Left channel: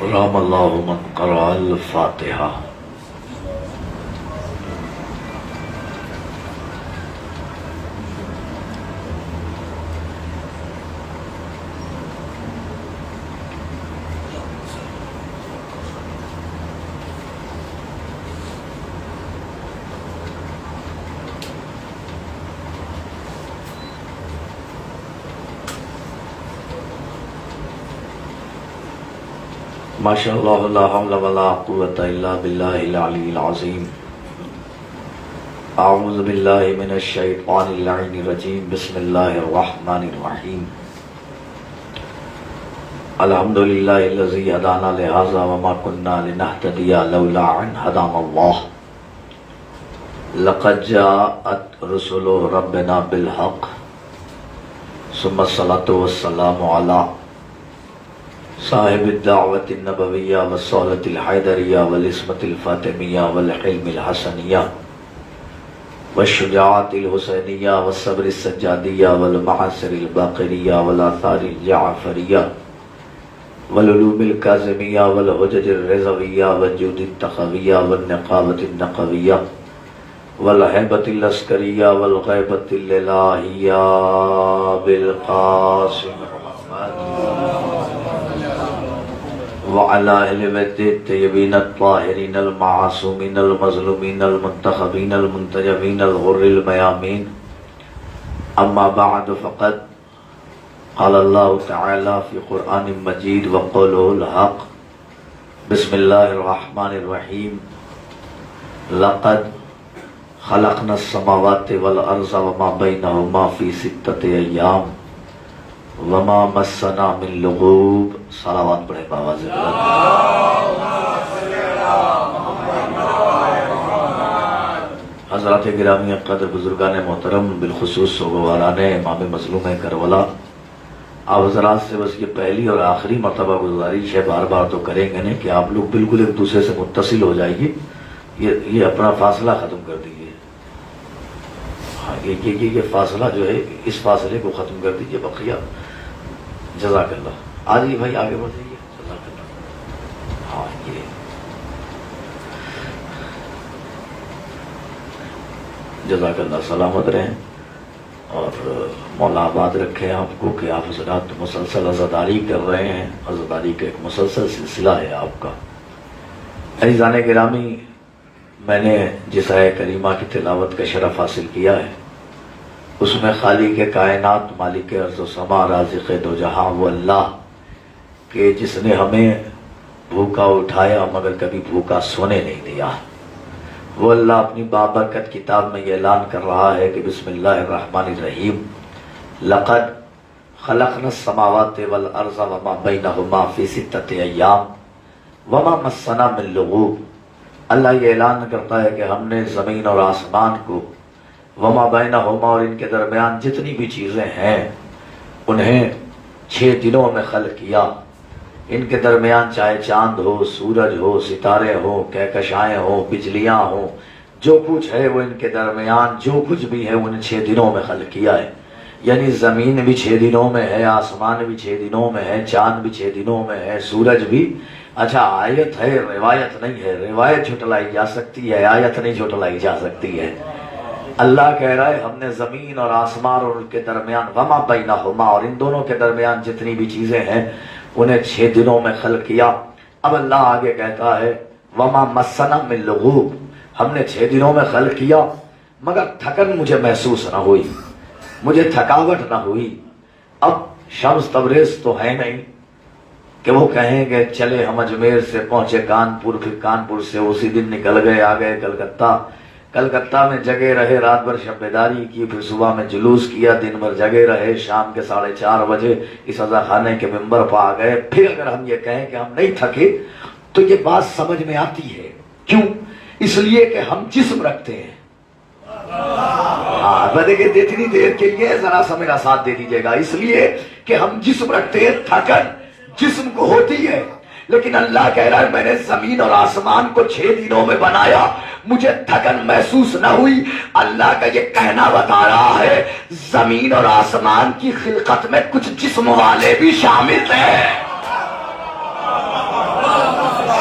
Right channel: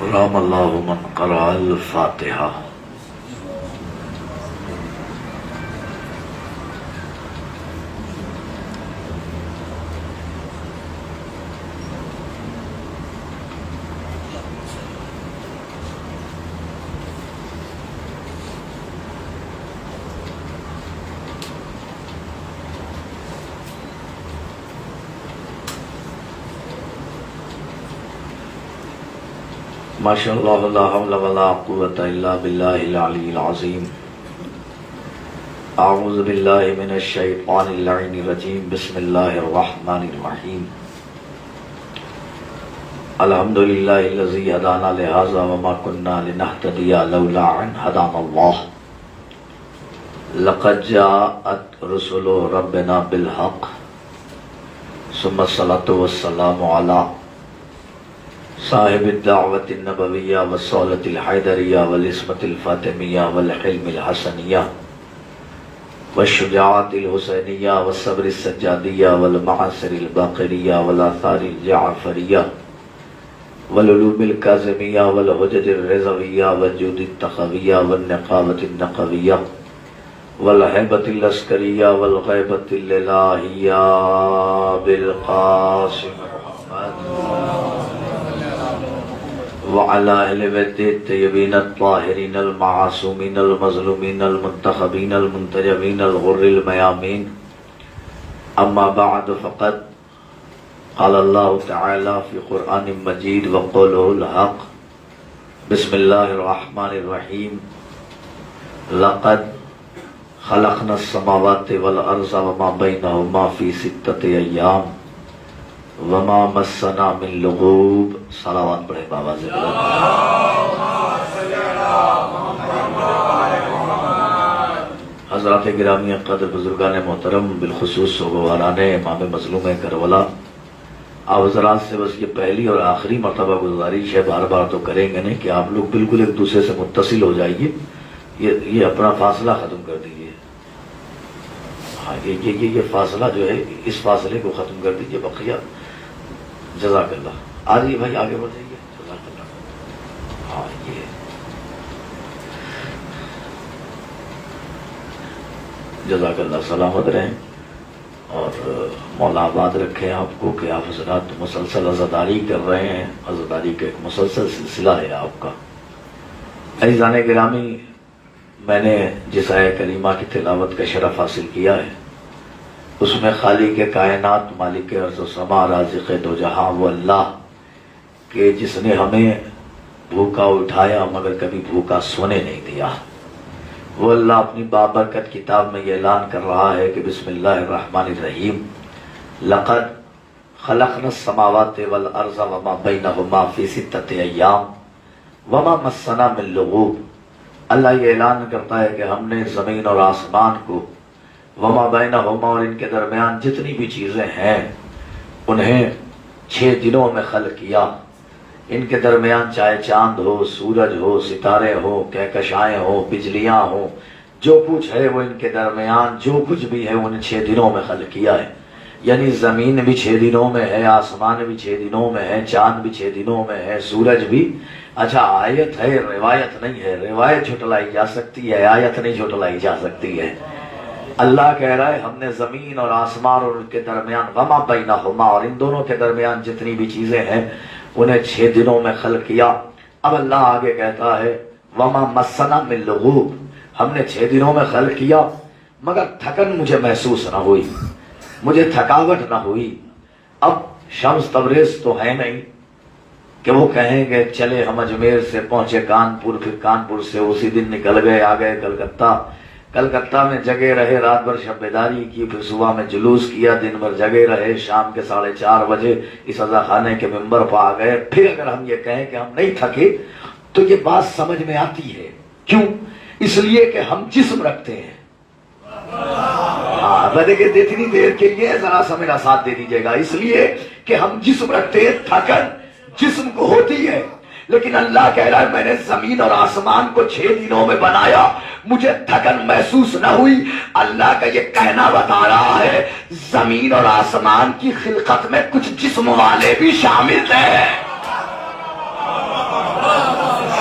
رحم اللہ من قرأ الفاتحہ۔ ماشاء اللہ لا حول ولا قوة الا باللہ العلی العظیم۔ اعوذ باللہ من الشیطان اللعین الرجیم، بسم اللہ الرحمن الرحیم۔ الحمدللہ الذی ہدانا لہذا وما كنا لنہتدی لولا ان ہدانا اللہ۔ لقد جاءت رسل ربنا بالحق ثم الصلاة والسلام علی صاحب الدعوت النبویہ والصولۃ الحیدریہ والعصمت الفاطمیہ والحلم الحسنیہ والشجاعت الحسینیہ والصبر السجادیہ والمعاصر الباقریہ والآثار الجعفریہ والعلوم الکاظمیہ والحجج الرضویہ والجود التقویہ والنقابۃ النقویہ والہیبۃ العسکریہ والغیبۃ الالہیہ بالقاسم وعلى أهل بيت الطيبين الطاهرين المعصومين المظلومين المنتخبين المنتجبين الغر الميامين. أما بعد فقد قال الله تعالى في قرآن مجيد وقوله الحق. بسم الله الرحمن الرحيم. لقد خلقنا السماوات والأرض وما بينهما في 6 أيام وما مسنا من لغوب. صلوات پڑھے بابا ذکر حضرات گرامی قدر، بزرگان محترم، بالخصوص سوگواران امام مظلوم کربلا، آپ حضرات سے بس یہ پہلی اور آخری مرتبہ گزارش ہے، بار بار تو کریں گے نہیں، کہ آپ لوگ بالکل ایک دوسرے سے متصل ہو جائیے، یہ اپنا فاصلہ ختم کر دیجیے۔ ہاں یہ فاصلہ جو ہے، اس فاصلے کو ختم کر دیجیے، بقیہ جزاک اللہ۔ آجی بھائی آگے بڑھ جائیے، جزاک اللہ۔ ہاں یہ جزاک اللہ، سلامت رہیں اور مولا آباد رکھے آپ کو کہ آپ حضرات مسلسل عزاداری کر رہے ہیں۔ عزاداری کا ایک مسلسل سلسلہ ہے آپ کا۔ عزیزان گرامی، میں نے جس آیہ کریمہ کی تلاوت کا شرف حاصل کیا ہے، اس میں خالق کائنات، مالک ارض و سما، رازق دو جہاں وہ اللہ کہ جس نے ہمیں بھوکا اٹھایا مگر کبھی بھوکا سونے نہیں دیا، وہ اللہ اپنی بابرکت کتاب میں یہ اعلان کر رہا ہے کہ بسم اللہ الرحمن الرحیم۔ لقد خلقنا السماوات والارض وما بینہما فی 6 ایام وما مسنا من لغوب۔ اللہ یہ اعلان کرتا ہے کہ ہم نے زمین اور آسمان کو، وما بینہما، اور ان کے درمیان جتنی بھی چیزیں ہیں، انہیں 6 دنوں میں خلق کیا۔ ان کے درمیان چاہے چاند ہو، سورج ہو، ستارے ہو، کہکشائیں ہو، بجلیاں ہو، جو کچھ ہے وہ ان کے درمیان جو کچھ بھی ہے ان 6 دنوں میں خلق کیا ہے۔ یعنی زمین بھی 6 دنوں میں ہے، آسمان بھی 6 دنوں میں ہے، چاند بھی 6 دنوں میں ہے، سورج بھی۔ اچھا آیت ہے، روایت نہیں ہے، روایت جھٹلائی جا سکتی ہے، آیت نہیں جھٹلائی جا سکتی ہے۔ اللہ کہہ رہا ہے ہم نے زمین اور آسمان اور ان کے درمیان، وما بینہما، اور ان دونوں کے درمیان جتنی بھی چیزیں ہیں انہیں 6 دنوں میں خلق کیا۔ اب اللہ آگے کہتا ہے وما مسنا من لغوب، ہم نے 6 دنوں میں خلق کیا مگر تھکن مجھے محسوس نہ ہوئی، مجھے تھکاوٹ نہ ہوئی۔ اب شمس تبریز تو ہے نہیں کہ وہ کہیں گے چلے ہم اجمیر سے پہنچے کانپور، پھر کانپور سے اسی دن نکل گئے، آ گئے کلکتہ، کلکتہ میں جگے رہے، رات بھر شب بیداری کی، پھر صبح میں جلوس کیا، دن بھر جگے رہے، شام کے 4:30 بجے اس عزا خانے کے ممبر پر آ گئے۔ پھر اگر ہم یہ کہیں کہ ہم نہیں تھکے تو یہ بات سمجھ میں آتی ہے۔ کیوں؟ اس لیے کہ ہم جسم رکھتے ہیں۔ دیکھیں اتنی دیر کے لیے ذرا سا میرا ساتھ دے دیجیے گا، اس لیے کہ ہم جسم رکھتے ہیں، تھکن جسم کو ہوتی ہے، لیکن اللہ کہہ رہا ہے میں نے زمین اور آسمان کو 6 دنوں میں بنایا، مجھے تھکن محسوس نہ ہوئی۔ اللہ کا یہ کہنا بتا رہا ہے زمین اور آسمان کی خلقت میں کچھ جسم والے بھی شامل ہیں۔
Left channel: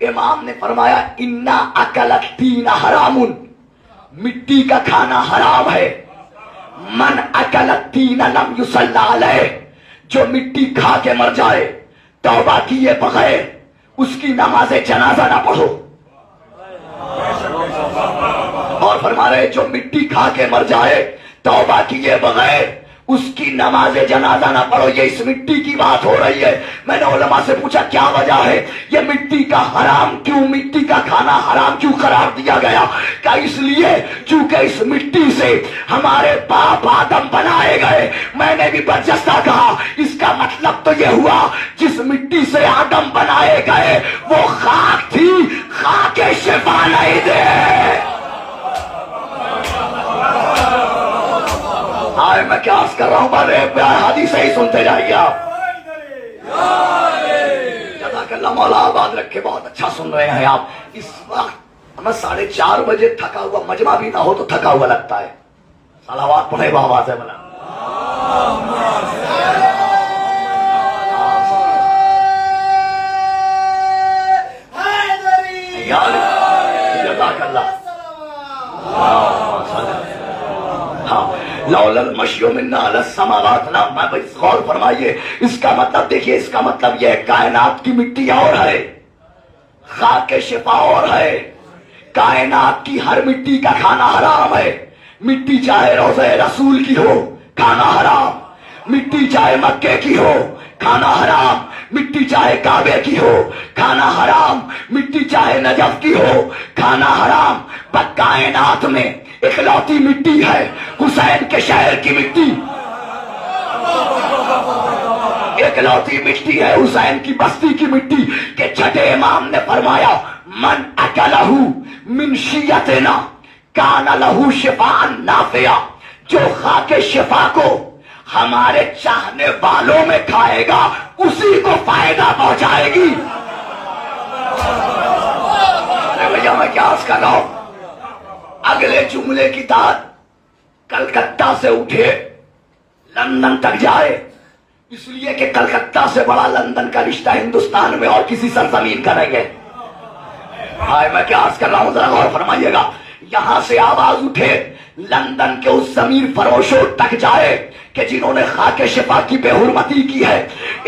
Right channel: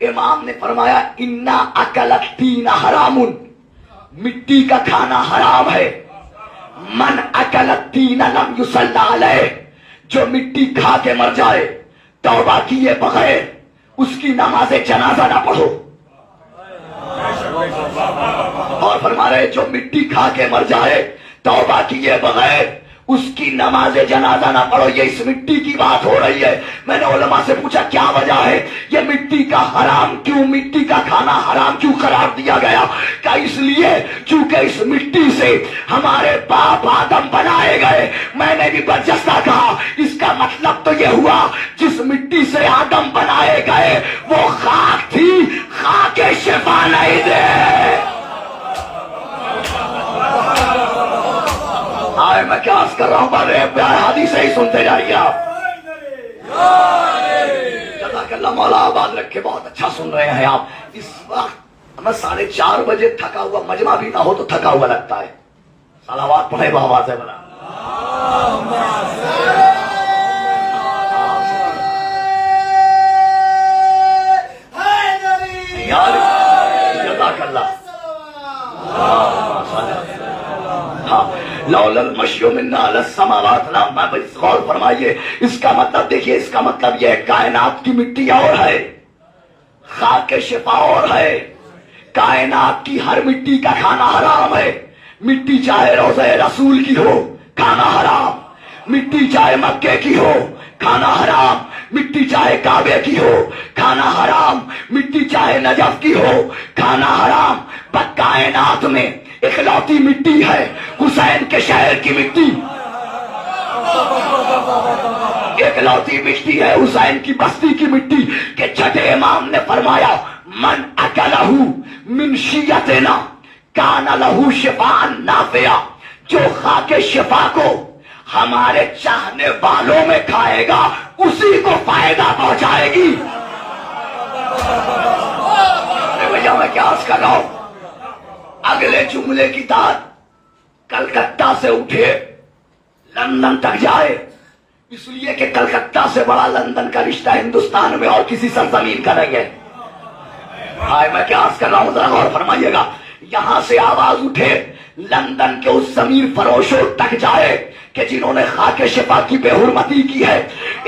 امام نے فرمایا انا اکلت تین حرامن، مٹی کا کھانا حرام ہے. من اکلت تین لم یصلی علیہ، جو مٹی کھا کے مر جائے توبہ کیے بغیر اس کی نماز جنازہ نہ پڑھو. اور فرما رہے جو مٹی کھا کے مر جائے توبہ کیے بغیر اس کی نماز جنازہ نہ پڑھو. یہ اس مٹی کی بات ہو رہی ہے. میں نے علماء سے پوچھا کیا وجہ ہے یہ مٹی کا حرام کیوں، مٹی کا کھانا حرام کیوں قرار دیا گیا؟ کیا اس لیے چونکہ اس مٹی سے ہمارے باپ آدم بنائے گئے. میں نے بھی برجستہ کہا اس کا مطلب تو یہ ہوا جس مٹی سے آدم بنائے گئے وہ خاک تھی، خاک شفا نہیں دے. آئے میں کیا عرض کر رہا ہوں، پر حدیث ہی سنتے جائیے آپ. جزاک اللہ، مولا آباد رکھے، بہت اچھا سن رہے ہیں آپ. اس وقت میں 4:30 بجے تھکا ہوا، مجمع بھی نہ ہو تو تھکا ہوا لگتا ہے. صلوات پڑھے بآواز ہے بنا. جزاک اللہ. ہاں لولا المشی منا علی السماوات، غور فرمائیے. اس کا مطلب دیکھیے، اس کا مطلب یہ ہے کائنات کی مٹی اور ہے، خاک شفا اور ہے. کائنات کی ہر مٹی کا کھانا حرام ہے. مٹی چاہے روضہ رسول کی ہو کھانا حرام، مٹی چاہے مکے کی ہو کھانا حرام، مٹی چاہے کعبے کی ہو کھانا حرام، مٹی چاہے نجف کی ہو کھانا حرام. کائنات میں اکلوتی مٹی ہے حسین کے شہر کی مٹی، اکلوتی مٹی ہے حسین کی بستی کی مٹی. کہ چھٹے امام نے فرمایا من اکلہ من شیعتنا کان لہ شفاء نافعا، جو خاک شفا کو ہمارے چاہنے والوں میں کھائے گا اسی کو فائدہ پہنچائے گی. بھیا میں کیا عرض کر رہا ہوں، اگلے جملے کی داد کلکتہ سے اٹھے لندن تک جائے، اس لیے کہ کلکتہ سے بڑا لندن کا رشتہ ہندوستان میں اور کسی سرزمین کا نہیں ہے. ہائے میں کیا عرض کر رہا ہوں، ذرا غور فرمائیے گا. یہاں سے آواز اٹھے لندن کے اس ضمیر فروشوں تک جائے کہ جنہوں نے خاک شفا کی بے حرمتی کی ہے.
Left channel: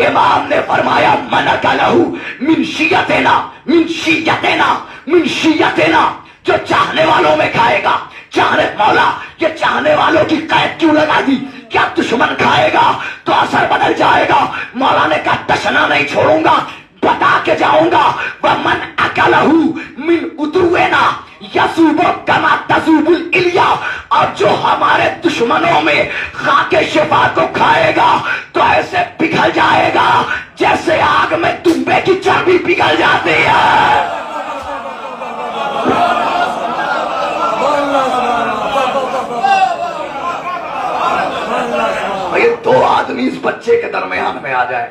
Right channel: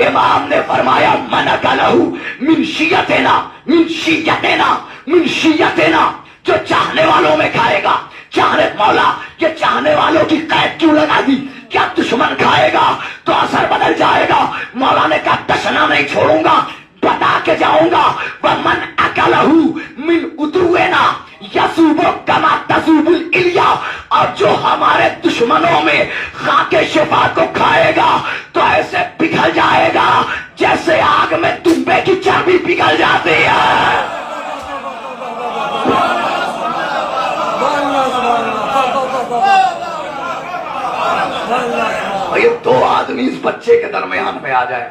امام نے فرمایا من اکلہ من شیعتنا، من شیعتنا، من شیعتنا، جو چاہنے والوں میں کھائے گا. چاہنے مولا یہ چاہنے والوں کی قید کیوں لگا دی؟ کیا دشمن کھائے گا تو اثر بدل جائے گا؟ مولا نے کہا دشنا نہیں چھوڑوں گا، بتا کے جاؤں گا. ومن اکلہ من عدونا یذوب کما تذوب الالیا، اور جو ہمارے دشمنوں میں خاک شفا کو کھائے گا تو ایسے پگھل جائے گا جیسے آگ میں تنبے کی چربی پگھل جاتی ہے. یہ 2 آدمی اس بچے کے درمیان میں آ جائے،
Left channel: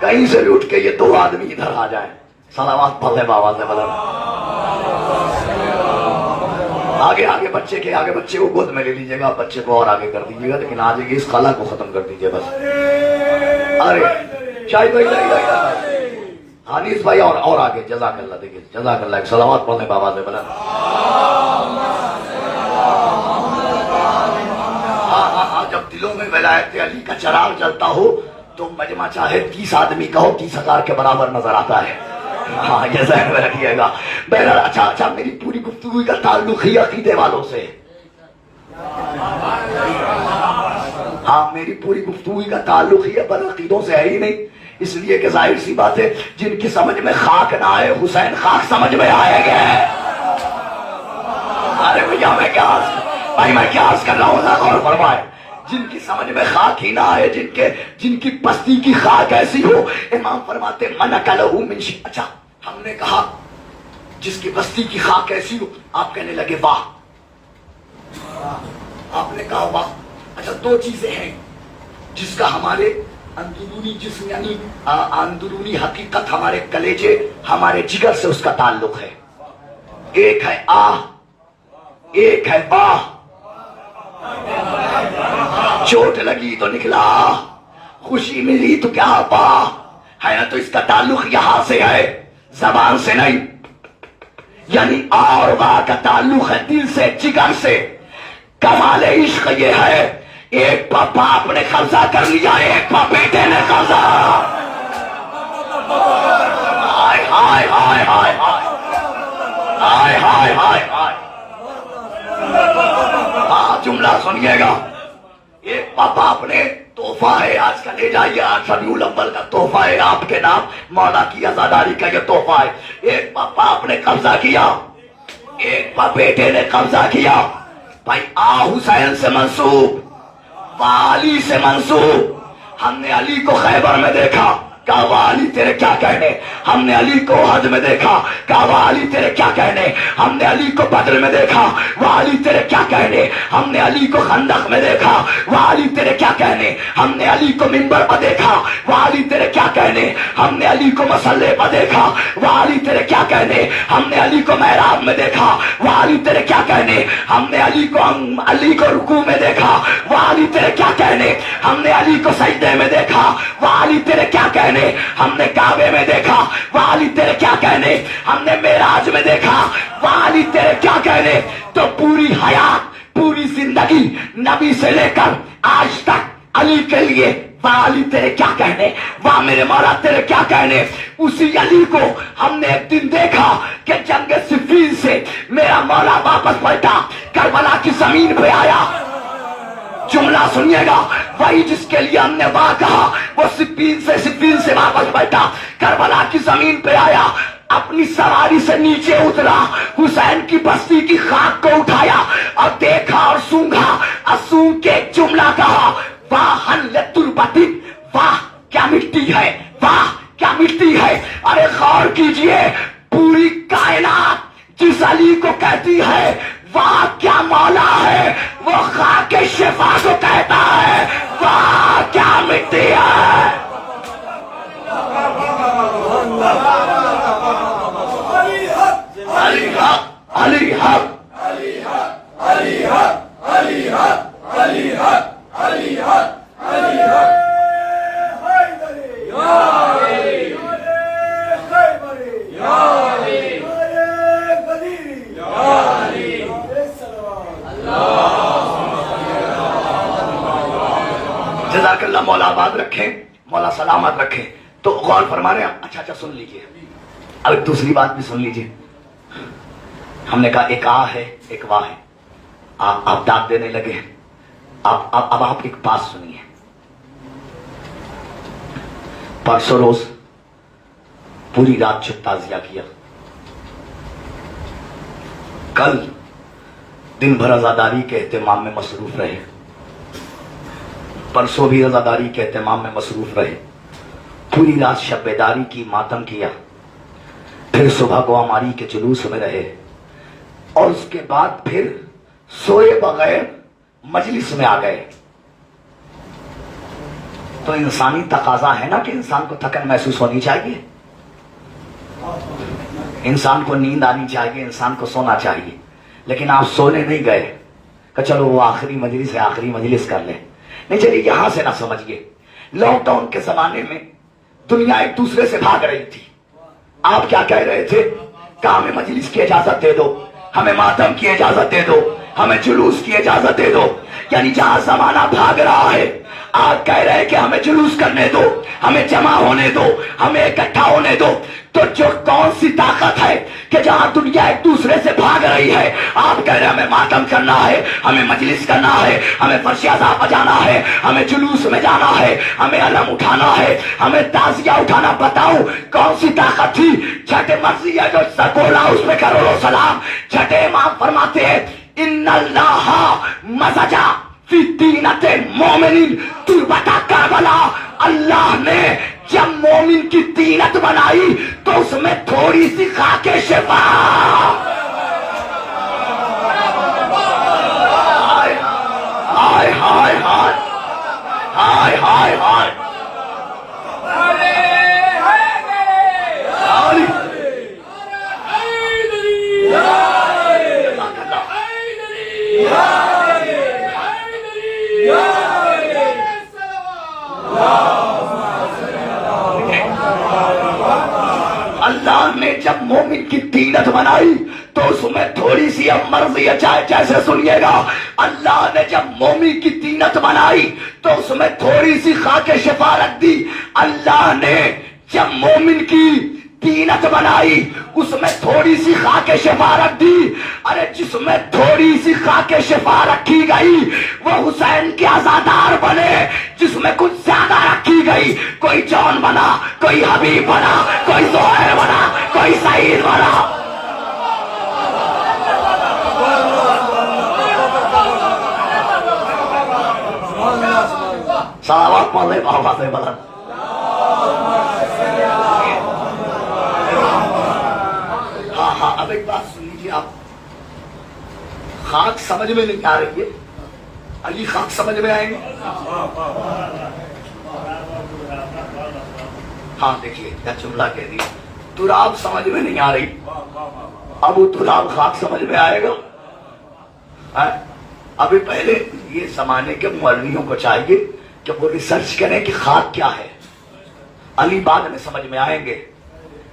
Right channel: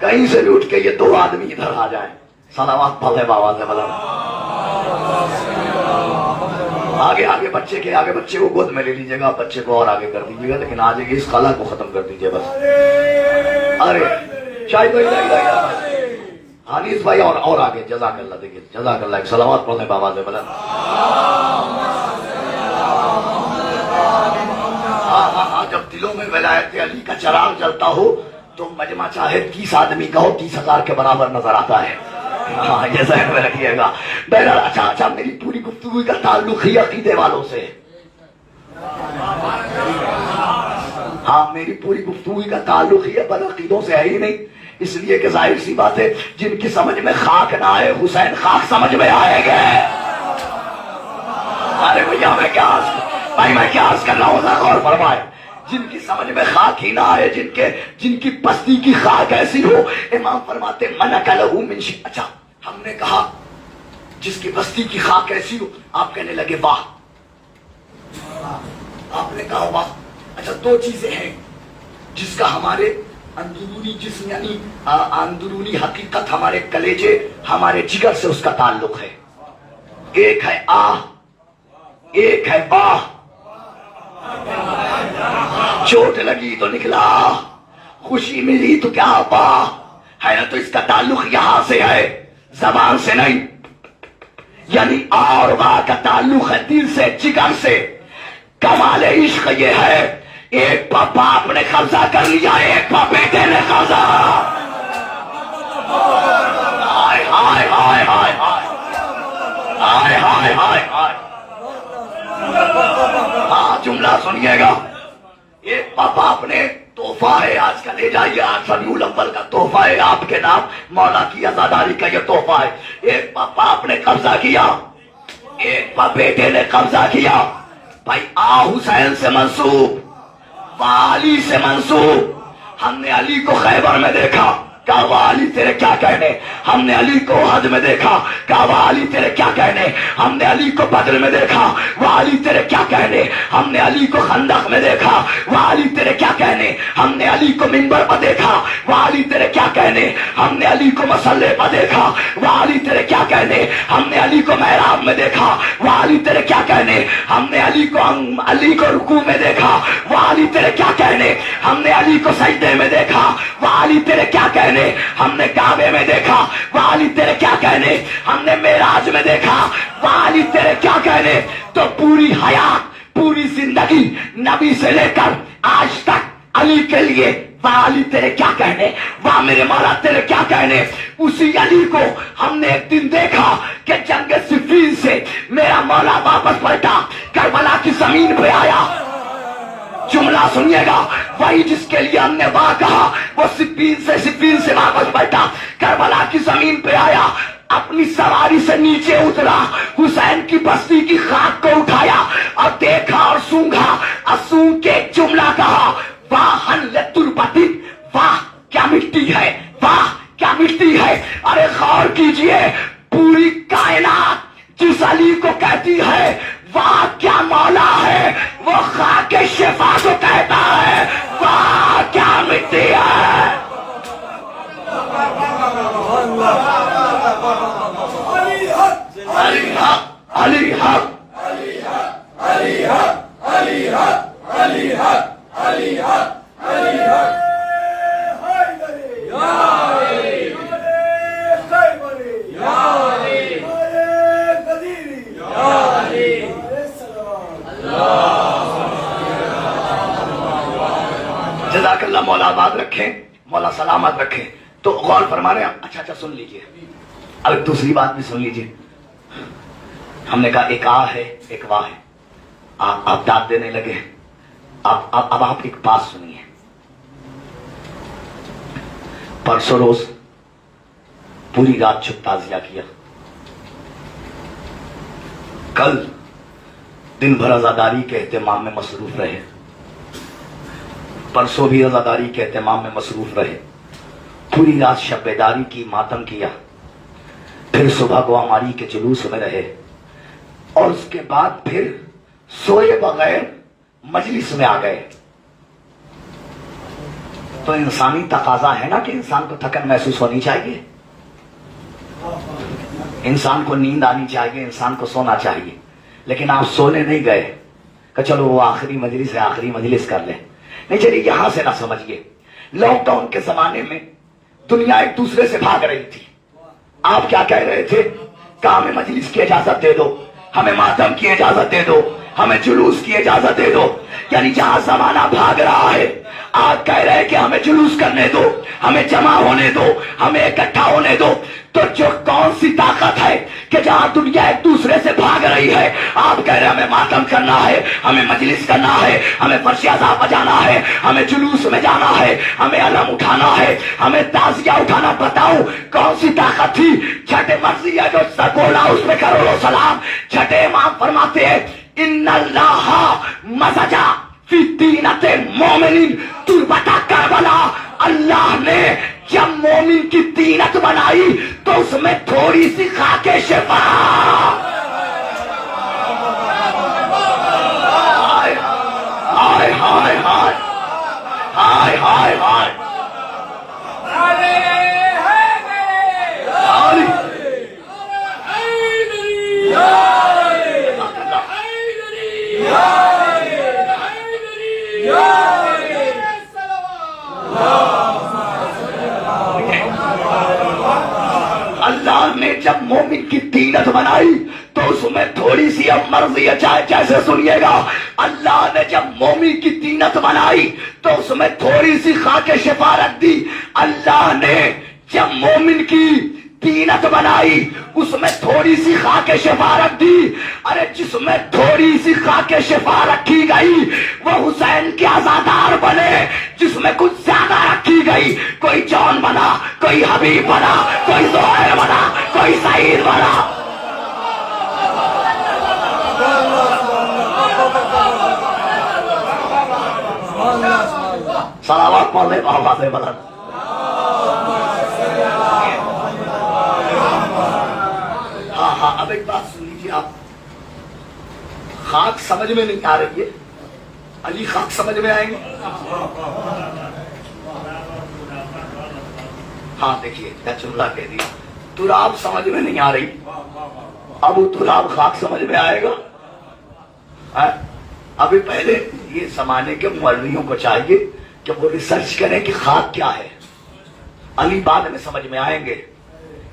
کہیں سے لوٹ کے یہ 2 آدمی ادھر آ جائیں. صلوات پڑھے بابا سے بدل. آگے آگے بچے کے آگے، بچے کو گود میں لے لیجیے گا، بچے کو اور آگے کر دیجیے گا، لیکن آج اس خلا کو ختم کر دیجیے بس. ارے چائے حدیث بھائی اور آگے. جزاک اللہ. دیکھیے جزاک اللہ. صلوات پڑھنے بابا سے بدل. جب دلوں میں ولایت علی کا چراغ جلتا ہو تو مجمع چاہے 30 آدمی کا ہو 30,000 کے برابر نظر آتا ہے. ہاں یہ ذہن میں رکھیے گا. بہرحال اچھا میری پوری گفتگو کا تعلق ہی عقیدے والوں سے. ہاں میری پوری گفتگو کا تعلق ہی بد عقیدوں سے ہے ہی نہیں، اس لیے کہ ظاہر سی بات ہے جن کی سمجھ میں خاک نہ آئے حسین خاک سمجھ میں آئے گئے. ارے بھیا میں کیا عرض کر رہا ہوں، نہ غور فرمائے. جن کی سمجھ میں خاک ہی نہ آئے، جن کی بستی کی خاک ایسی ہو، امام فرماتے من اکلہ من شیء. اچھا ہم نے کہا جس کی بستی کی خاک ایسی ہو، آپ کہنے لگے واہ. آپ نے کہا واہ. اچھا 2 چیزیں ہیں جس کا ہمارے اندرونی جسم یعنی اندرونی حقیقت، ہمارے کلیجے ہمارے جگر سے اس کا تعلق ہے. ایک ہے آہ، ایک ہے واہ. چوٹ لگی تو نکلا، خوشی ملی تو کیا واہ ہے نا. تو اس کا تعلق یہاں سے ہے. زبان سے نہیں، یعنی اور واہ کا تعلق ہے دل سے، جگر سے. کمال عشق یہ ہے، ایک پا باپ نے قبضہ کر لیا، ایک پا بیٹے نے قبضہ. ہائے ہائے ہائے ہائے ہائے ہائے ہائے ہائے. ہاں جملہ سنیے گا. ایک پا باپ نے تحفہ ہے، آج کا لے جائیے، آج ربیع الاول کا تحفہ ہے آپ کے نام، مولا کی عزاداری کا یہ تحفہ ہے. ایک پا باپ نے قبضہ کیا، ایک پا بیٹے نے قبضہ کیا. بھائی حسین سے منسوب، علی سے منسوب. ہم نے علی کو خیبر میں دیکھا، کعبہ علی تیرے کیا کہنے. ہم نے علی کو حج میں دیکھا، کعبہ علی تیرے کیا کہنے. ہم نے علی کو بدر میں دیکھا، وہ علی تیرے کیا کہنے. ہم نے علی کو خندق میں دیکھا، وہ علی تیرے کیا کہنے. ہم نے علی کو منبر پر دیکھا، وہ علی تیرے کیا کہنے. ہم نے علی کو مصلے پر دیکھا، وہ علی تیرے کیا کہنے. ہم نے علی کو محراب میں دیکھا، وہ علی تیرے کیا کہنے. ہم نے علی کو رکوع میں دیکھا، وہ علی تیرے کیا کہنے. ہم نے علی کو سجدے میں دیکھا، وہ علی تیرے کیا کہنے. ہم نے کعبے میں دیکھا، وہ علی تیرے کیا کہنے. ہم نے معراج میں دیکھا، وہ علی تیرے کیا کہنے. تو پوری حیات، پوری زندگی نبی سے لے کر آج تک علی کے لیے، وہ علی تیرے کیا کہنے، وہ میرے مولا تیرے کیا کہنے. اسی علی کو ہم نے ایک دن دیکھا کہ جنگ صفین سے میرا مولا واپس پلٹا، کربلا کی زمین پہ آیا. جملہ سنیے گا، وہی جس کے لیے ہم نے بات کہا، وہ صفین سے واپس بیٹھا، کربلا کی زمین پہ آیا، اپنی سواری سے نیچے اترا، حسین کی بستی کی خاک کو اٹھایا اور دیکھا اور سونگا، اور سونگ کے ایک جملہ کہا، واہ حلت البدن، واہ کیا مٹی ہے، واہ کیا مٹی ہے. ارے غور کیجئے، پوری کائنات جس علی کو کہتی ہے واہ کیا مولا ہے، وہ خاک شفا کو کہتا ہے واہ کیا مٹی ہے. علی حق، علی حق، علی حق، علی حق، علی حق، علی حق، علی حق، علی حق. جزاک اللہ، مولا آباد رکھیں، مولا سلامت رکھیں. تو غور فرما رہے ہیں. اچھا سن لیجئے، اب ایک دوسری بات بھی سن لیجئے. ہم نے کہا ایک ہے ایک واہ ہے. آپ داد دینے لگے. اب آپ ایک بات سنیے. پرسوں روز پوری رات چھپ تعزیہ کیا، کل دن بھر عزاداری کے اہتمام میں مصروف رہے، پرسوں بھی عزاداری کے اہتمام میں مصروف رہے، پوری رات شب بیداری کی، ماتم کیا، پھر صبح گواماری کے جلوس میں رہے، اور اس کے بعد پھر سوئے بغیر مجلس میں آ گئے. تو انسانی تقاضا ہے نا کہ انسان کو تھکن محسوس ہونی چاہیے، انسان کو نیند آنی چاہیے، انسان کو سونا چاہیے. لیکن آپ سونے نہیں گئے کہ چلو وہ آخری مجلس ہے، آخری مجلس کر لیں. نہیں چلیے، یہاں سے نہ سمجھیے. لاک ڈاؤن کے زمانے میں دنیا ایک دوسرے سے بھاگ رہی تھی. آپ کیا کہہ رہے تھے کہ ہمیں مجلس کی اجازت دے دو، ہمیں ماتم کی اجازت دے دو، ہمیں جلوس کی اجازت دے دو. یعنی جہاں زمانہ بھاگ رہا ہے، آپ کہہ رہے ہیں کہ ہمیں جلوس کرنے دو، ہمیں جمع ہونے دو، ہمیں اکٹھا ہونے دو. تو جو کون سی طاقت ہے کہ جہاں دنیا ایک دوسرے سے بھاگ رہی ہے، آپ کہہ رہے ہیں ہمیں ماتم کرنا ہے، ہمیں مجلس کرنا ہے، ہمیں فرش عزا بجانا ہے، ہمیں جلوس میں جانا ہے، ہمیں علم اٹھانا ہے، ہمیں تعزیہ اٹھانا. بتاؤں کون سی طاقت تھی؟ چھٹے مرضی ہے جو سکولا، اس میں کروڑوں سلام. چھٹے امام فرماتے ہیں ان اللہ مزجا فی دینت مومنین تربت کربلا. اللہ نے جب مومن کی دینت بنائی تو اس میں تھوڑی سی خاک شفا. ہائے ہائے ہائے ہائے ہائے ہائے. اللہ نے جب مومن کی تینت بنائی تو اس میں تھوڑی سی اب مرضی ہے، چاہے جیسے سنیے گا، اللہ نے جب مومن کی تینت بنائی تو اس میں تھوڑی سی خاک شفا رکھ دی۔ اللہ نے جب مومن کی تینت بنائی اس میں تھوڑی سی خاک شفا رکھ دی۔ ارے جس میں تھوڑی سی خاک شفا رکھی گئی وہ حسین کے عزادار بنے، جس میں کچھ زیادہ رکھی گئی کوئی جون بنا، کوئی حبیب بنا، کوئی زہیر بنا، کوئی سعید بنا۔ صلوات پڑھ لے بابا سے بلند۔ ہاں اب ایک بات سن لیجیے، آپ خاک سمجھ میں نہیں آ رہی ہے، علی خاک سمجھ میں آئیں گے؟ ہاں دیکھیے کیا جملہ کہہ دیا، تراب سمجھ میں نہیں آ رہی، ابو تراب خاک سمجھ میں آئے گا؟ ابھی پہلے یہ زمانے کے مولویوں کو چاہیے کہ وہ ریسرچ کریں کہ خاک کیا ہے، علی بعد میں سمجھ میں آئیں گے،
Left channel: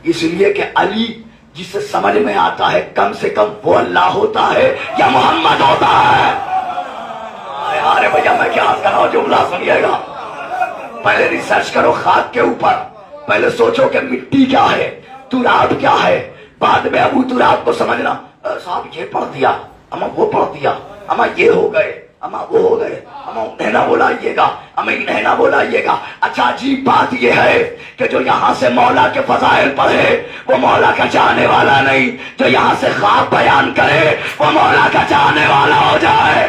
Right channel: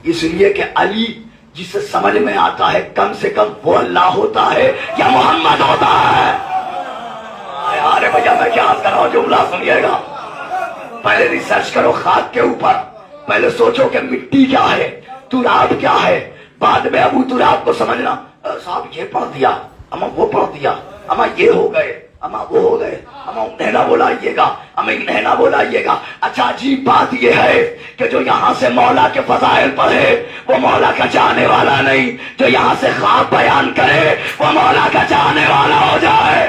اس لیے کہ علی جسے سمجھ میں آتا ہے کم سے کم وہ اللہ ہوتا ہے یا محمد ہوتا ہے۔ ارے بھیا میں کیا کر رہا ہوں، جملہ سنیے گا، پہلے ریسرچ کرو خاک کے اوپر، پہلے سوچو کہ مٹی کیا ہے، تراب کیا ہے، بعد میں ابو تراب کو سمجھنا، صاحب یہ پڑھ دیا، اما وہ پڑھ دیا، اما یہ ہو گئے، اما وہ ہو گئے، اما انہیں نہ بلائیے گا، اما انہیں نہ بلائیے گا۔ اچھا عجیب بات یہ ہے کہ جو یہاں سے مولا کے فضائل پڑھے وہ مولا کا چاہنے والا نہیں، جو یہاں سے خواب بیان کرے وہ مولا کا چاہنے والا ہو جائے۔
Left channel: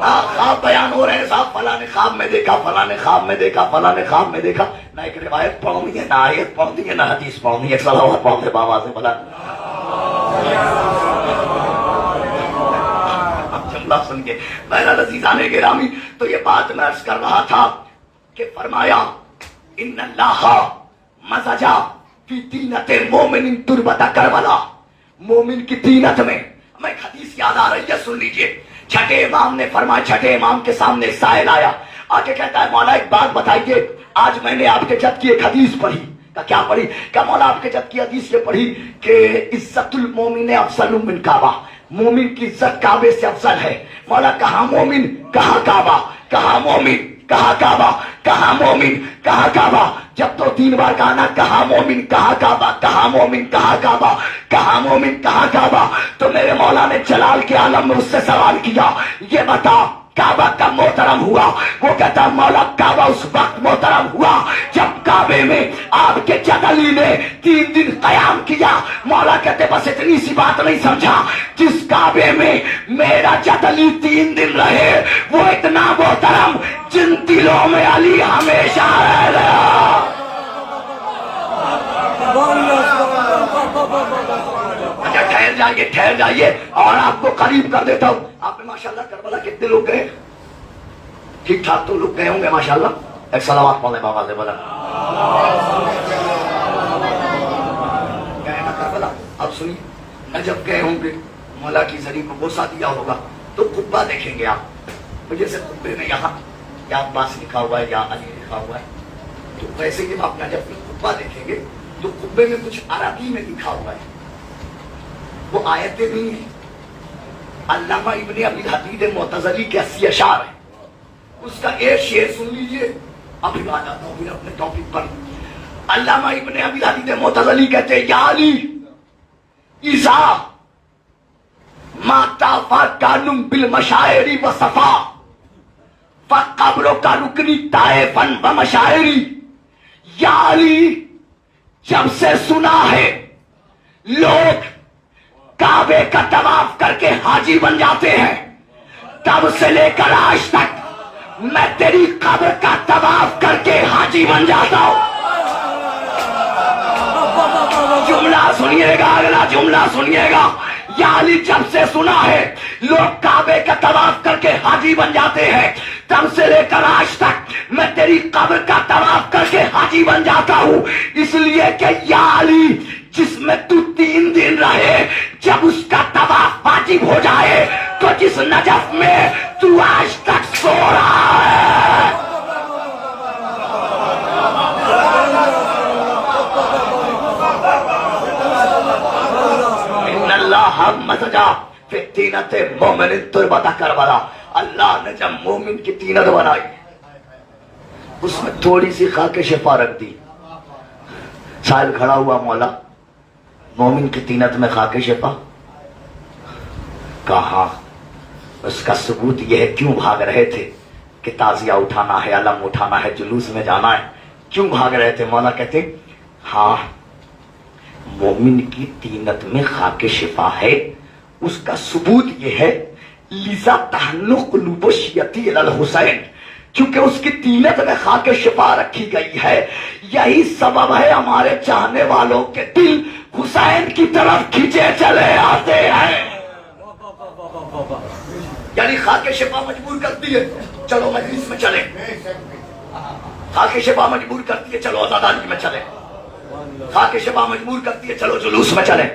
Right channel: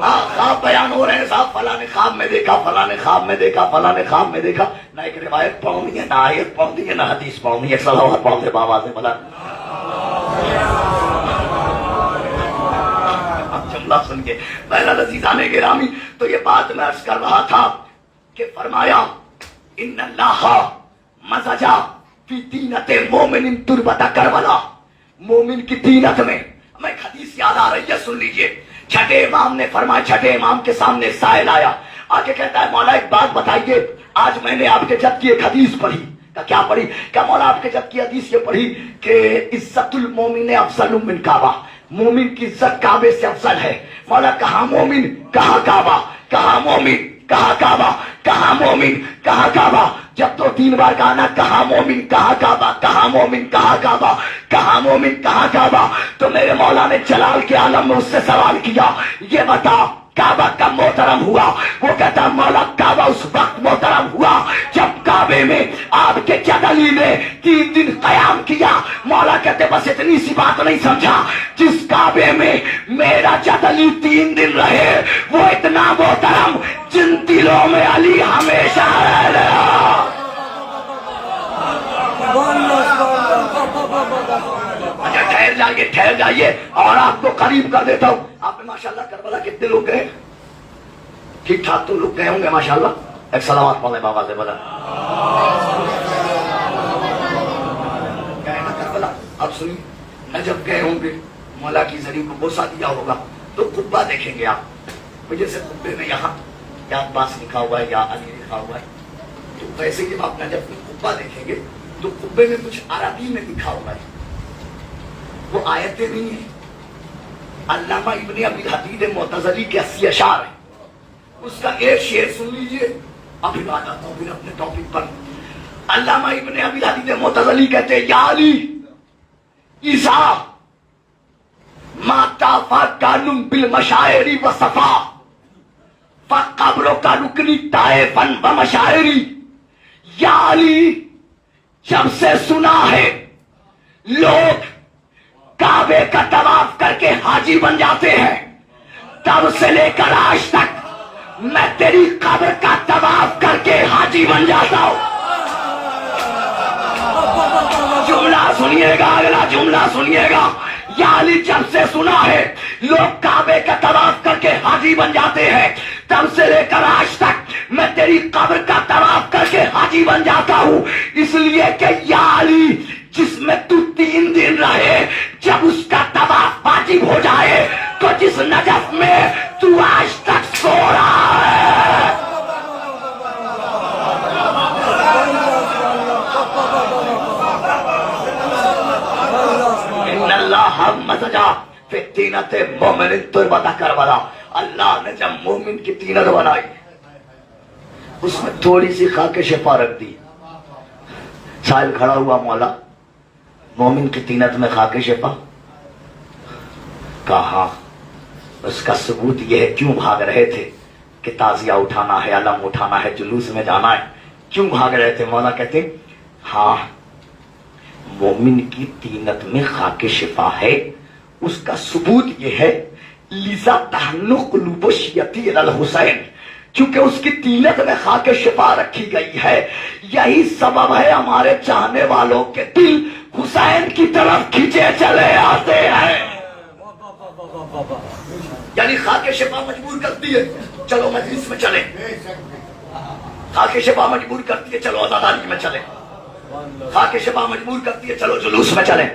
ہاں خواب بیان ہو رہے ہیں صاحب، فلاں نے خواب میں دیکھا، فلاں نے خواب میں دیکھا، فلاں نے خواب میں دیکھا، نہ ایک روایت پڑھ دی ہے، نہ آیت پڑھ دی ہے، نہ حدیث پڑھ دی ہے، صلوات پڑھ دے بابا سے بلا۔ جملہ سن کے میرا عزیزان گرامی، تو یہ بات میں عرض کر رہا تھا کہ فرمایا ان اللہ مزجا فی تینت مومن تربت کربلا، مومن کی تینت میں ہمیں ایک حدیث یاد آ رہی ہے، سن لیجئے۔ چھٹے امام نے فرمایا، چھٹے امام کے سامنے ایک سائل آیا، آگے کہتا ہے مولا ایک بات بتائیے، آج میں نے آپ کے جب کی ایک حدیث پڑھی، کیا پڑھی؟ کیا مولا آپ کے جب کی حدیث یہ پڑھی کہ عزت المومن افضل من کعبہ، مومن کی عزت کعبے سے افضل ہے۔ مولا کہاں مومن کہاں کعبہ، کہاں مومن کہاں کعبہ، کہاں مومن کہاں کعبہ، جب تو تین بار کہا نا کہاں مومن کہاں کعبہ، کہاں مومن کہاں کعبہ، کہاں مومن کہاں کعبہ، تو میرے مولا نے جلال کے عالم میں اس سے سوال کیا، یہ بتا کعبہ کب محترم ہوا؟ وہ کہتا مولا کعبہ اس وقت محترم ہوا جب کعبے میں آپ کے جد علی نے 3 دن قیام کیا۔ مولا کہتے بس اتنی سی بات نہیں سمجھا، جس کعبے میں میرا جد علی 3 دن رہے وہ اتنا محترم جن دلوں میں علی ہمیشہ رہ گیا۔ ٹھہر جائیے اور آپ کو قریب کر دیتا ہوں۔ آپ نے ماشاءاللہ کربلا کتنے لوگ گئے؟ ٹھیک ٹھاک تو لوگ گئے ہوں گے ماشاءاللہ، ایک سلامات پڑھنے بابا سے بلا۔ کربلا اب سنی، نجف گئے ہوں گے، مولا کی زمین کو بوسا دیا ہوگا تو قبہ دیکھیں گے آپ، جیسے قبے میں یہاں یا عباس لکھا ہوا ہے یا علی لکھا ہوا ہے، تو ویسے جب آپ نجف میں قبہ دیکھیں گے تو قبے میں کچھ عربی میں لکھا ہوا ہے، وہ آیتیں بھی ہیں۔ علامہ ابن ابی حدید معتزلی کے 80 اشعار ہیں، اس کا ایک شعر سن لیجئے، ابھی آ جاتا ہوں پھر اپنے ٹاپک پر۔ علامہ ابن ابی حدید معتزلی کہتے ہیں یا علی اذا ما تفکرتم بالمشاعر وصفا فقبرک رکنی طائفا ومشاعری، یا علی جب سے سنا ہے لوگ کعبے کا طواف کر کے حاجی بن جاتے ہیں، تب سے لے کر آج تک میں تیری قبر کا طواف کر کے حاجی بن جاتا ہوں۔ جملہ سنیے گا، اگلا جملہ سنیے گا، یا علی جب سے سنا ہے لوگ کعبے کا طواف کر کے حاجی بن جاتے ہیں، تب سے لے کر آج تک میں تیری قبر کا طواف کر کے حاجی بن جاتا ہوں، اس لیے کہ یا علی جس میں تو 3 دن رہے جب اس کا طواف واجب ہو جائے تو جس نجف میں تو آج تک سو رہا ہے، ہم مزجا فی طینت مومن تربت کربلا، اللہ نے جب مومن کی طینت بنائی اس میں تھوڑی سی خاک شفا رکھ دی. سائل کھڑا ہوا، مولا مومن کی طینت میں خاک شفا؟ کہا اس کا ثبوت یہ ہے، کیوں بھاگ رہے تھے کہ تعزیہ اٹھانا ہے، علم اٹھانا ہے، جلوس میں جانا ہے، کیوں بھاگ رہے تھے؟ مولا کہتے ہاں مومن کی طینت میں خاک شفا ہے، اس کا ثبوت یہ ہے لذا تحنو قلوب شیعتی الی الحسین، کیونکہ اس کی طینت میں خاک شفا رکھی گئی ہے. یہی سبب ہے ہمارے چاہنے والوں کے دل حسین کی طرف کھینچے چلے آتے ہیں. یعنی خاک شفا مجبور کرتی ہے چلو مجلس میں چلیں، خاک شفا مجبور کرتی ہے چلو عزاداری میں چلیں، خاک شفا مجبور کرتی ہے چلو جلوس میں چلیں،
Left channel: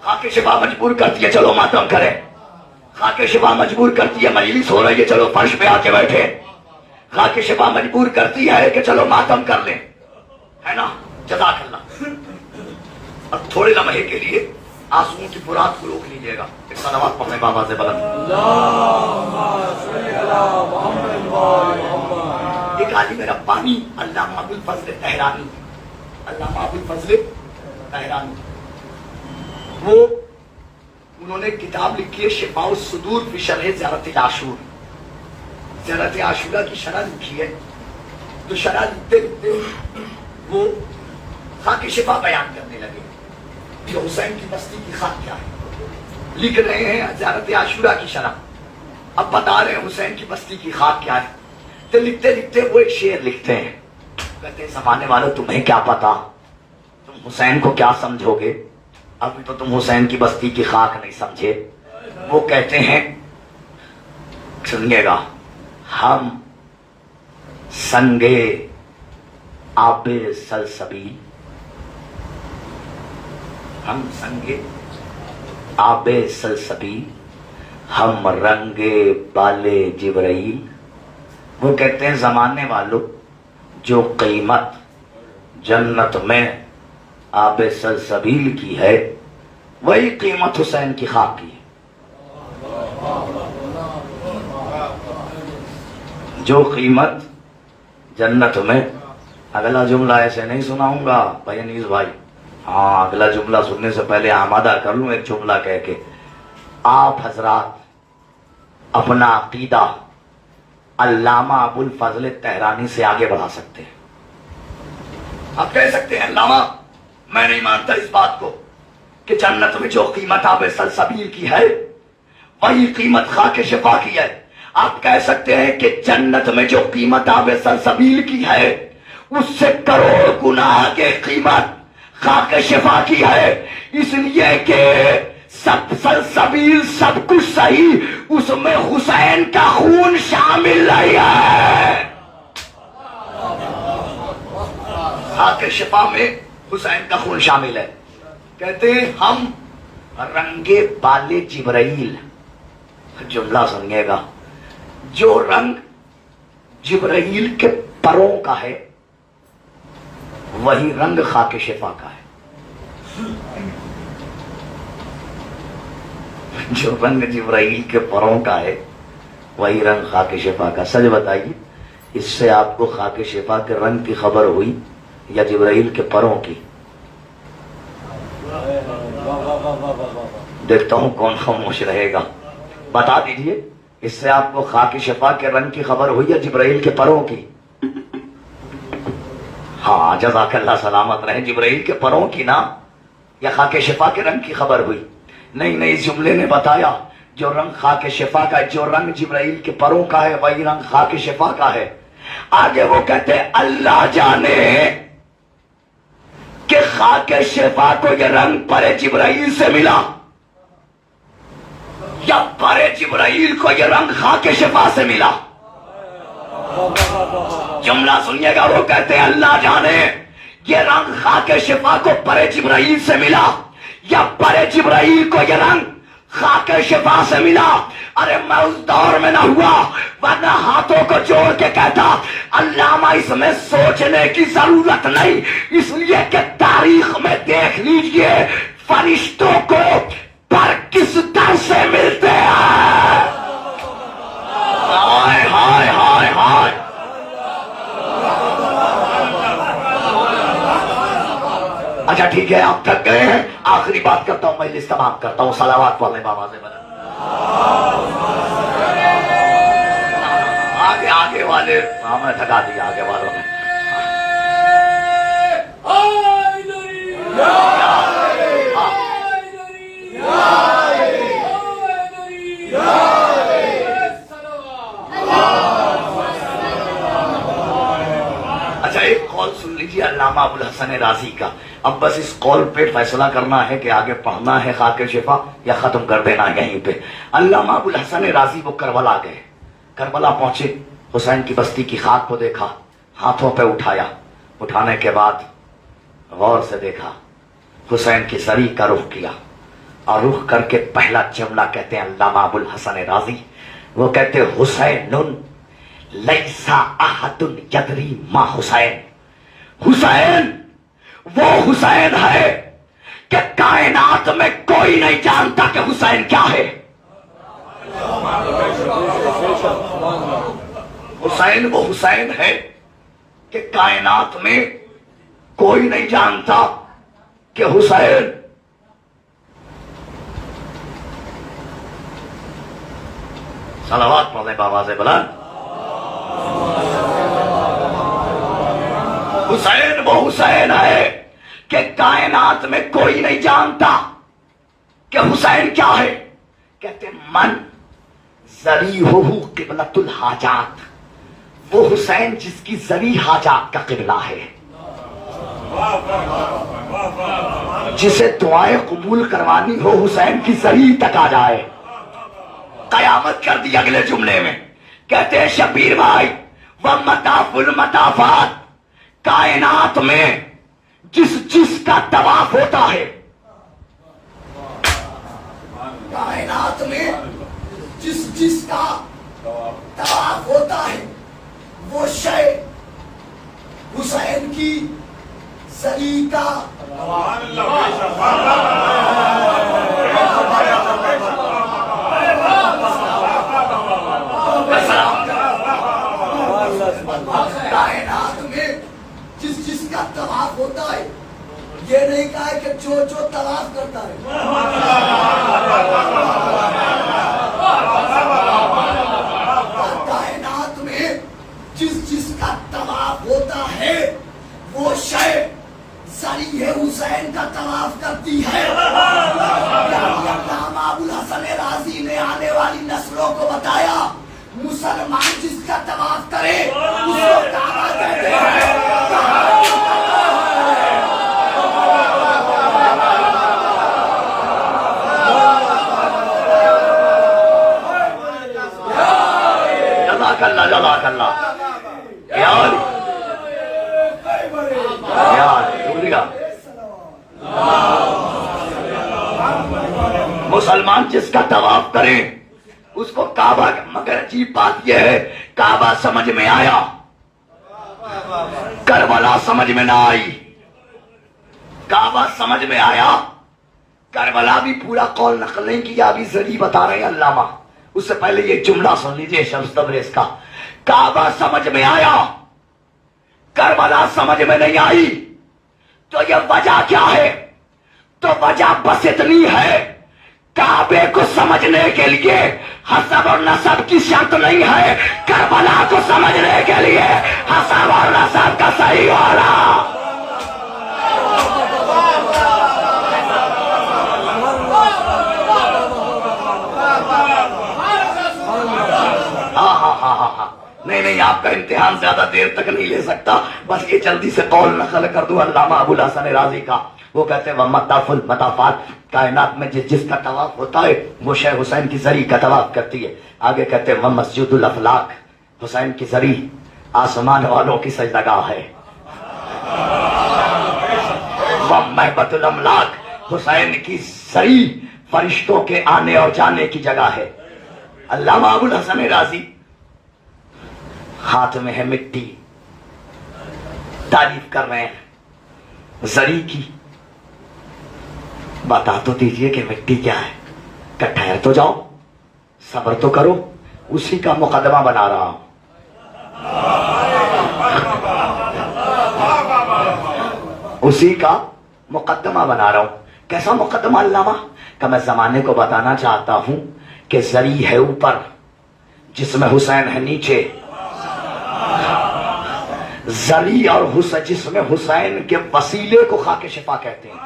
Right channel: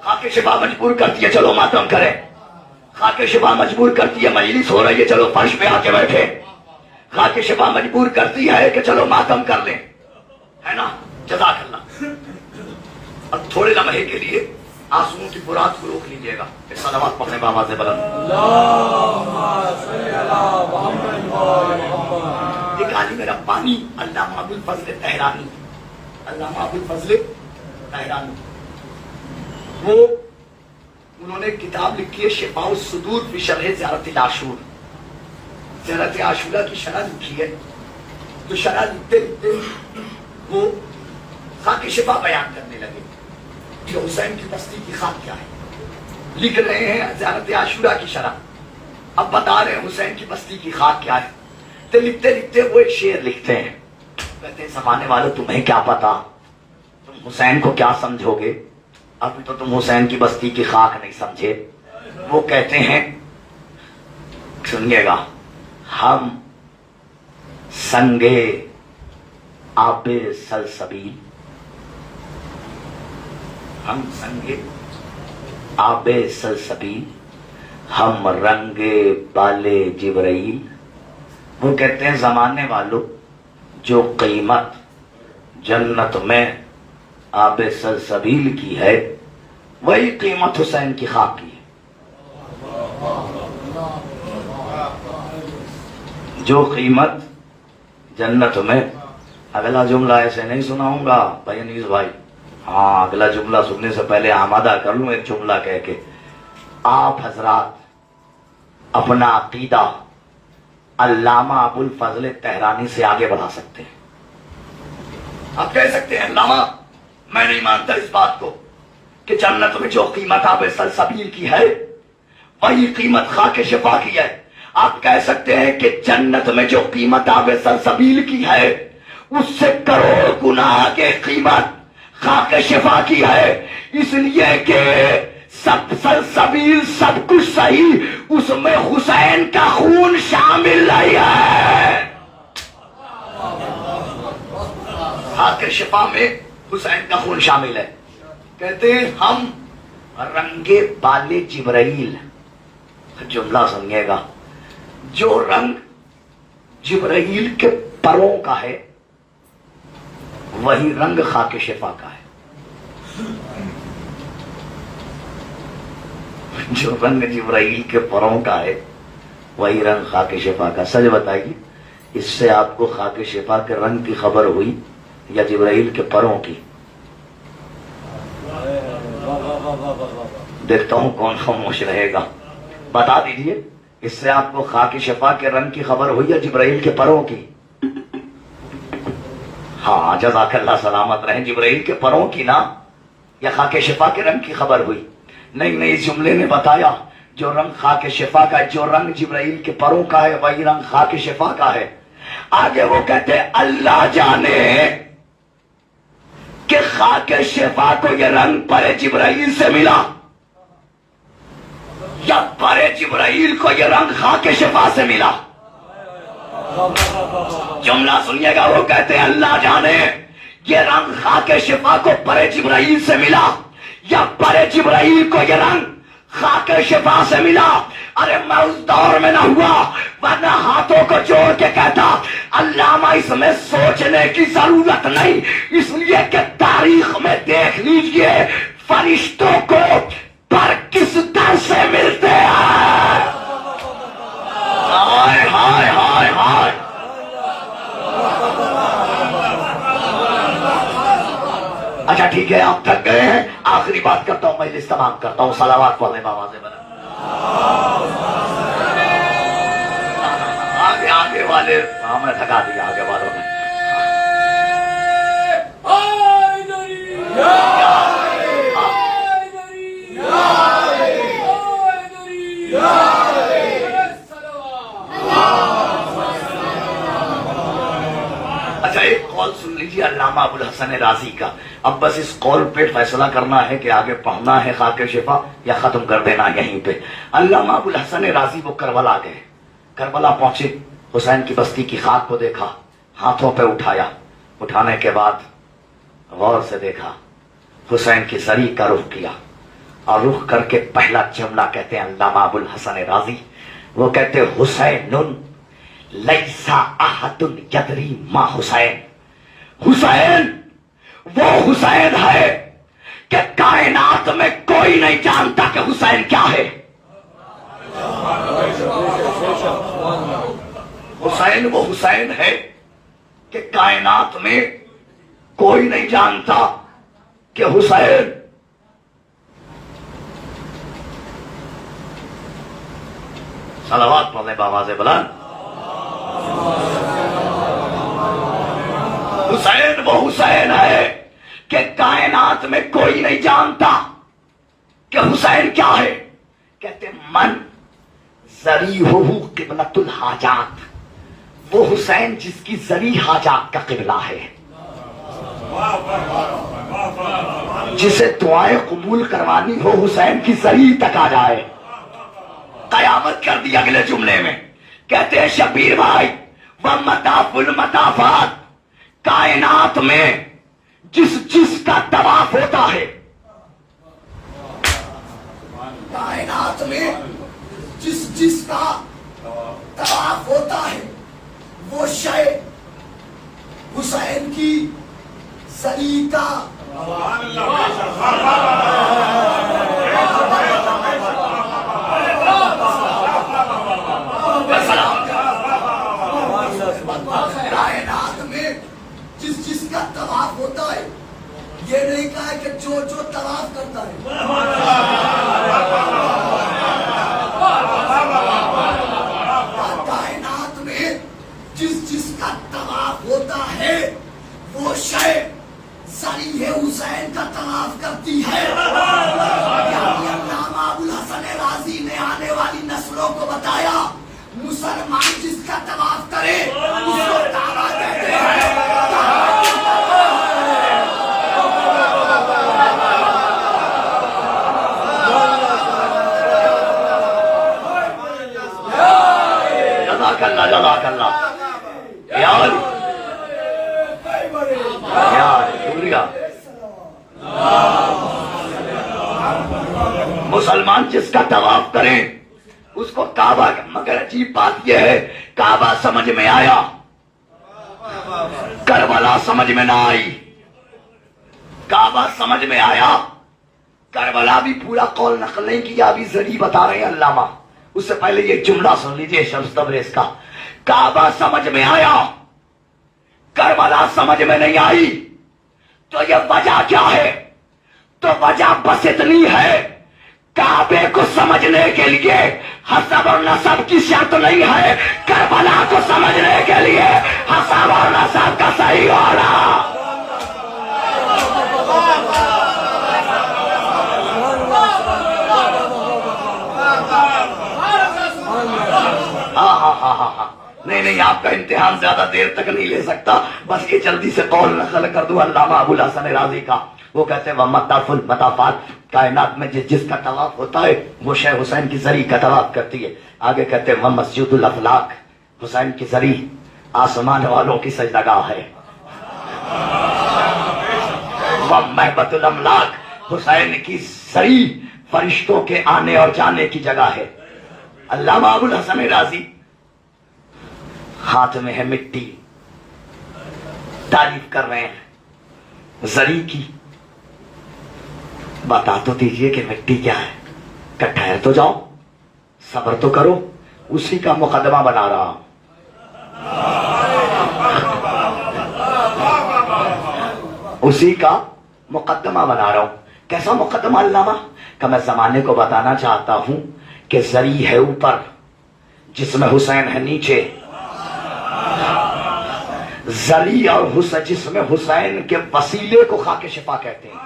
خاک شفا مجبور کرتی ہے چلو ماتم کریں، خاک شفا مجبور کرتی ہے مجلس ہو رہی ہے چلو فرش پہ آ کے بیٹھے، خاک شفا مجبور کرتی ہے کہ چلو ماتم کر لیں، ہے نا؟ جزاک اللہ. اب تھوڑے لمحے کے لیے آنسوؤں کی برات کو روک لیجیے گا، ایک صلوات پڑھنے بابا سے بلند. ایک عالم ربانی علامہ ابوالفضل طہرانی، علامہ ابوالفضل طہرانی، وہ انہوں نے کتاب لکھی ہے شفاء الصدور فی شرح زیارت العاشور. زیارت عاشورہ کی شرح لکھی ہے، تو شرح لکھتے لکھتے وہ خاک شفا بیان کرنے لگے کہ حسین کی بستی کی خاک کیا ہے. لکھ رہے ہیں زیارت عاشورہ کی شرح، اب بتا رہے ہیں حسین کی بستی کی خاک کیا ہے. تو لکھتے لکھتے وہ ایک شعر لکھتے ہیں، کہتے ہیں زمانے والوں تمہیں کیا پتا، تم حسین کو کیا سمجھو گے، ابھی تو تم حسین کی بستی کی خاک نہیں سمجھے. وہ کہتے ہیں سنیے گا، ہم سنگے آب سلسبیل، ہم سنگے آب سلسبیل، ہم رنگے بالے جبرائیل. وہ کہتے ہیں زمانے والوں جو قیمت جنت میں آب سلسبیل کی ہے وہی قیمت حسین کی خاک کی ہے. جو قیمت جنت میں، اگلا جملہ ایسے نہیں سناؤں گا بھائی انیس بھائی، ہاں اگلا جملہ سننے سے پہلے آمادہ کر لوں ایک جملہ کہہ کے. آپ حضرات اپنا عقیدہ علامہ ابوالفضل طہرانی سے آگے بڑھا سکتے ہیں. آپ کہہ سکتے ہیں علامہ میں نہیں مانتا اس بات کو کہ جنت میں جو قیمت آب سلسبیل کی ہے وہی قیمت خاک شفا کی ہے. آپ کہہ سکتے ہیں کہ جنت میں جو قیمت آب سلسبیل کی ہے اس سے کروڑ گنا کے قیمت خاک شفا کی ہے، اس لیے کہ سب سلسبیل سب کچھ صحیح، اس میں حسین کا خون شامل نہیں ہے. خاک شفا میں حسین کا خون شامل ہے. کہتے ہیں ہم رنگے بالے جبرائیل، جملہ سنیے گا، جو رنگ جبرائیل کے پروں کا ہے وہی رنگ خاک شفا کا ہے. جو رنگ جبرائیل کے پروں کا ہے وہی رنگ خاک شفا کا. سچ بتائیے اس سے آپ کو خاک شفا کے رنگ کی خبر ہوئی یا جبرائیل کے پروں کی؟ دیکھتا ہوں کون خاموش رہے گا، بتا دیجیے اس سے آپ کو خاک شفا کے رنگ کی خبر ہوئی یا جبرائیل کے پروں کی؟ ہاں جزاک اللہ سلامت رہیں. جبرائیل کے پروں کی نا یا خاک شفا کے رنگ کی خبر ہوئی؟ نہیں، اس جملے نے بتایا جو رنگ خاک شفا کا ہے، جو رنگ جبرائیل کے پروں کا ہے وہی رنگ خاک شفا کا ہے. آگے وہ کہتے ہیں اللہ جانے کہ خاک شفا کو یہ رنگ پر جبرائیل سے ملا یا پر جبرائیل کو یہ رنگ خاک شفا سے ملا. جملہ سنیے گا، وہ کہتے ہیں اللہ جانے یہ رنگ خاک شفا کو پر جبرائیل سے ملا یا پر جبرائیل کو یہ رنگ خاک شفا سے ملا. ارے میں اس دور میں نہ ہوا ورنہ ہاتھوں کو جوڑ کے کہتا علامہ اس میں سوچنے کی ضرورت نہیں، اس لیے کہ تاریخ میں دیکھ لیجئے فرشتوں کو پر کس در سے ملتے ہیں؟ ہائے ہائے ہائے ہائے. اچھا ٹھیک ہے، آپ تھک گئے ہیں، آخری بات کرتا ہوں، مجلس تمام کرتا ہوں. صلوات پڑھنے بابا سے بنا. آگے والے ہمیں تھکا دیا، آگے والوں نے. اچھا ایک قول سن لیجیے علامہ ابوالحسن رازی کا. اب بس اس قول پہ فیصلہ کرنا ہے کہ آگے پڑھنا ہے خاک شفا یا ختم کر دینا ہے یہیں پہ. علامہ ابوالحسن رازی وہ کربلا گئے، کربلا پہنچے، حسین کی بستی کی خاک کو دیکھا، ہاتھوں پہ اٹھایا، اٹھانے کے بعد غور سے دیکھا، حسین کی زری کا رخ کیا، اور رخ کر کے پہلا جملہ کہتے ہیں علامہ ابوالحسن رازی. وہ کہتے حسین لیسا احد یدری ما حسین. حسین وہ حسین ہے کہ کائنات میں کوئی نہیں جانتا کہ حسین کیا ہے. حسین وہ حسین ہے کہ کائنات میں کوئی نہیں جانتا کہ حسین. صلوات پڑھنے بآواز بلند. حسین وہ حسین ہے کہ کائنات میں کوئی نہیں جانتا کہ حسین کیا ہے. کہتے من ذریعہ قبلۃ الحاجات، وہ حسین جس کی ذریع حاجات کا قبلہ ہے، جسے دعائیں قبول کروانی ہو حسین کی ذریع تک آ جائے. قیامت کر دی اگلے جملے میں. کہتے ہیں شبیر بھائی وہ مطاف المطافات، کائنات میں جس کا طواف ہوتا ہے، کائنات میں جس کا طواف ہوتا ہے وہ شے حسین کی زری کا کائنات میں جس کا طواف ہوتا ہے. یہ نہیں کہا ہے کہ جو طواف کرتا ہے. کائنات میں جس کا طواف ہوتا ہے وہ شے ذریعہ حسین کا طواف کرتی ہے. یعنی علامہ ابوالحسن رازی نے آنے والی نسلوں کو بتایا مسلمان جس کا طواف کرے اس کو کعبہ کہتے ہیں. جزاک اللہ جزاک اللہ. مسلمان جس کا طواف کرے اس کو کعبہ، مگر عجیب بات یہ ہے کعبہ سمجھ میں آیا، کربلا سمجھ میں نہ آئی. کعبہ سمجھ میں آیا، کربلا بھی پورا قول نقل نہیں کیا، ابھی ذریعہ بتا رہے ہیں علامہ. اس سے پہلے یہ جملہ سن لیجیے شمس تبریز کا. کعبہ سمجھ میں آیا، کربلا سمجھ میں نہیں آئی. تو یہ وجہ کیا ہے؟ تو وجہ بس اتنی ہے، کعبے کو سمجھنے کے لیے حسب اور نسب کی شرط نہیں ہے، کربلا کو سمجھنے کے لیے حسب اور نسب کا صحیح والا. ہاں نہیں آپ کا امتحان زیادہ دیر تک نہیں لے سکتا، بس یہ جلدی سے قول نقل کر دوں علامہ ابوالحسن رازی کا. وہ کہتے ہیں وہ مطاف المطافات، کائنات میں جس کا طواف ہوتا ہے وہ شے حسین کی زری کا طواف کرتی ہے. آگے کہتے ہیں وہ مسجد الافلاق، حسین کی زری آسمان والوں کی سجدگاہ ہے. وہ محبت الاملاک، حسین کی زری فرشتوں کے آنے اور جانے کی جگہ ہے. علامہ ابوالحسن رازی ہاتھ میں ہے مٹی، تعریف کر رہے ہیں زری کی. بتا تو دیجئے کہ مٹی کیا ہے. کہ ٹھہر تو جاؤ, صبر تو کرو, اسی کا مقدمہ بنا رہا ہوں. اسی کا مقدمہ بنا رہا ہوں. کیسا مقدمہ علامہ؟ کہ میں زمانے کو بتانا چاہتا ہوں کہ زری ہے اوپر جس میں حسین ہے نیچے, زری اور حسین جس میں حسین کے وسیلے کو خاک شفا کہتے ہیں.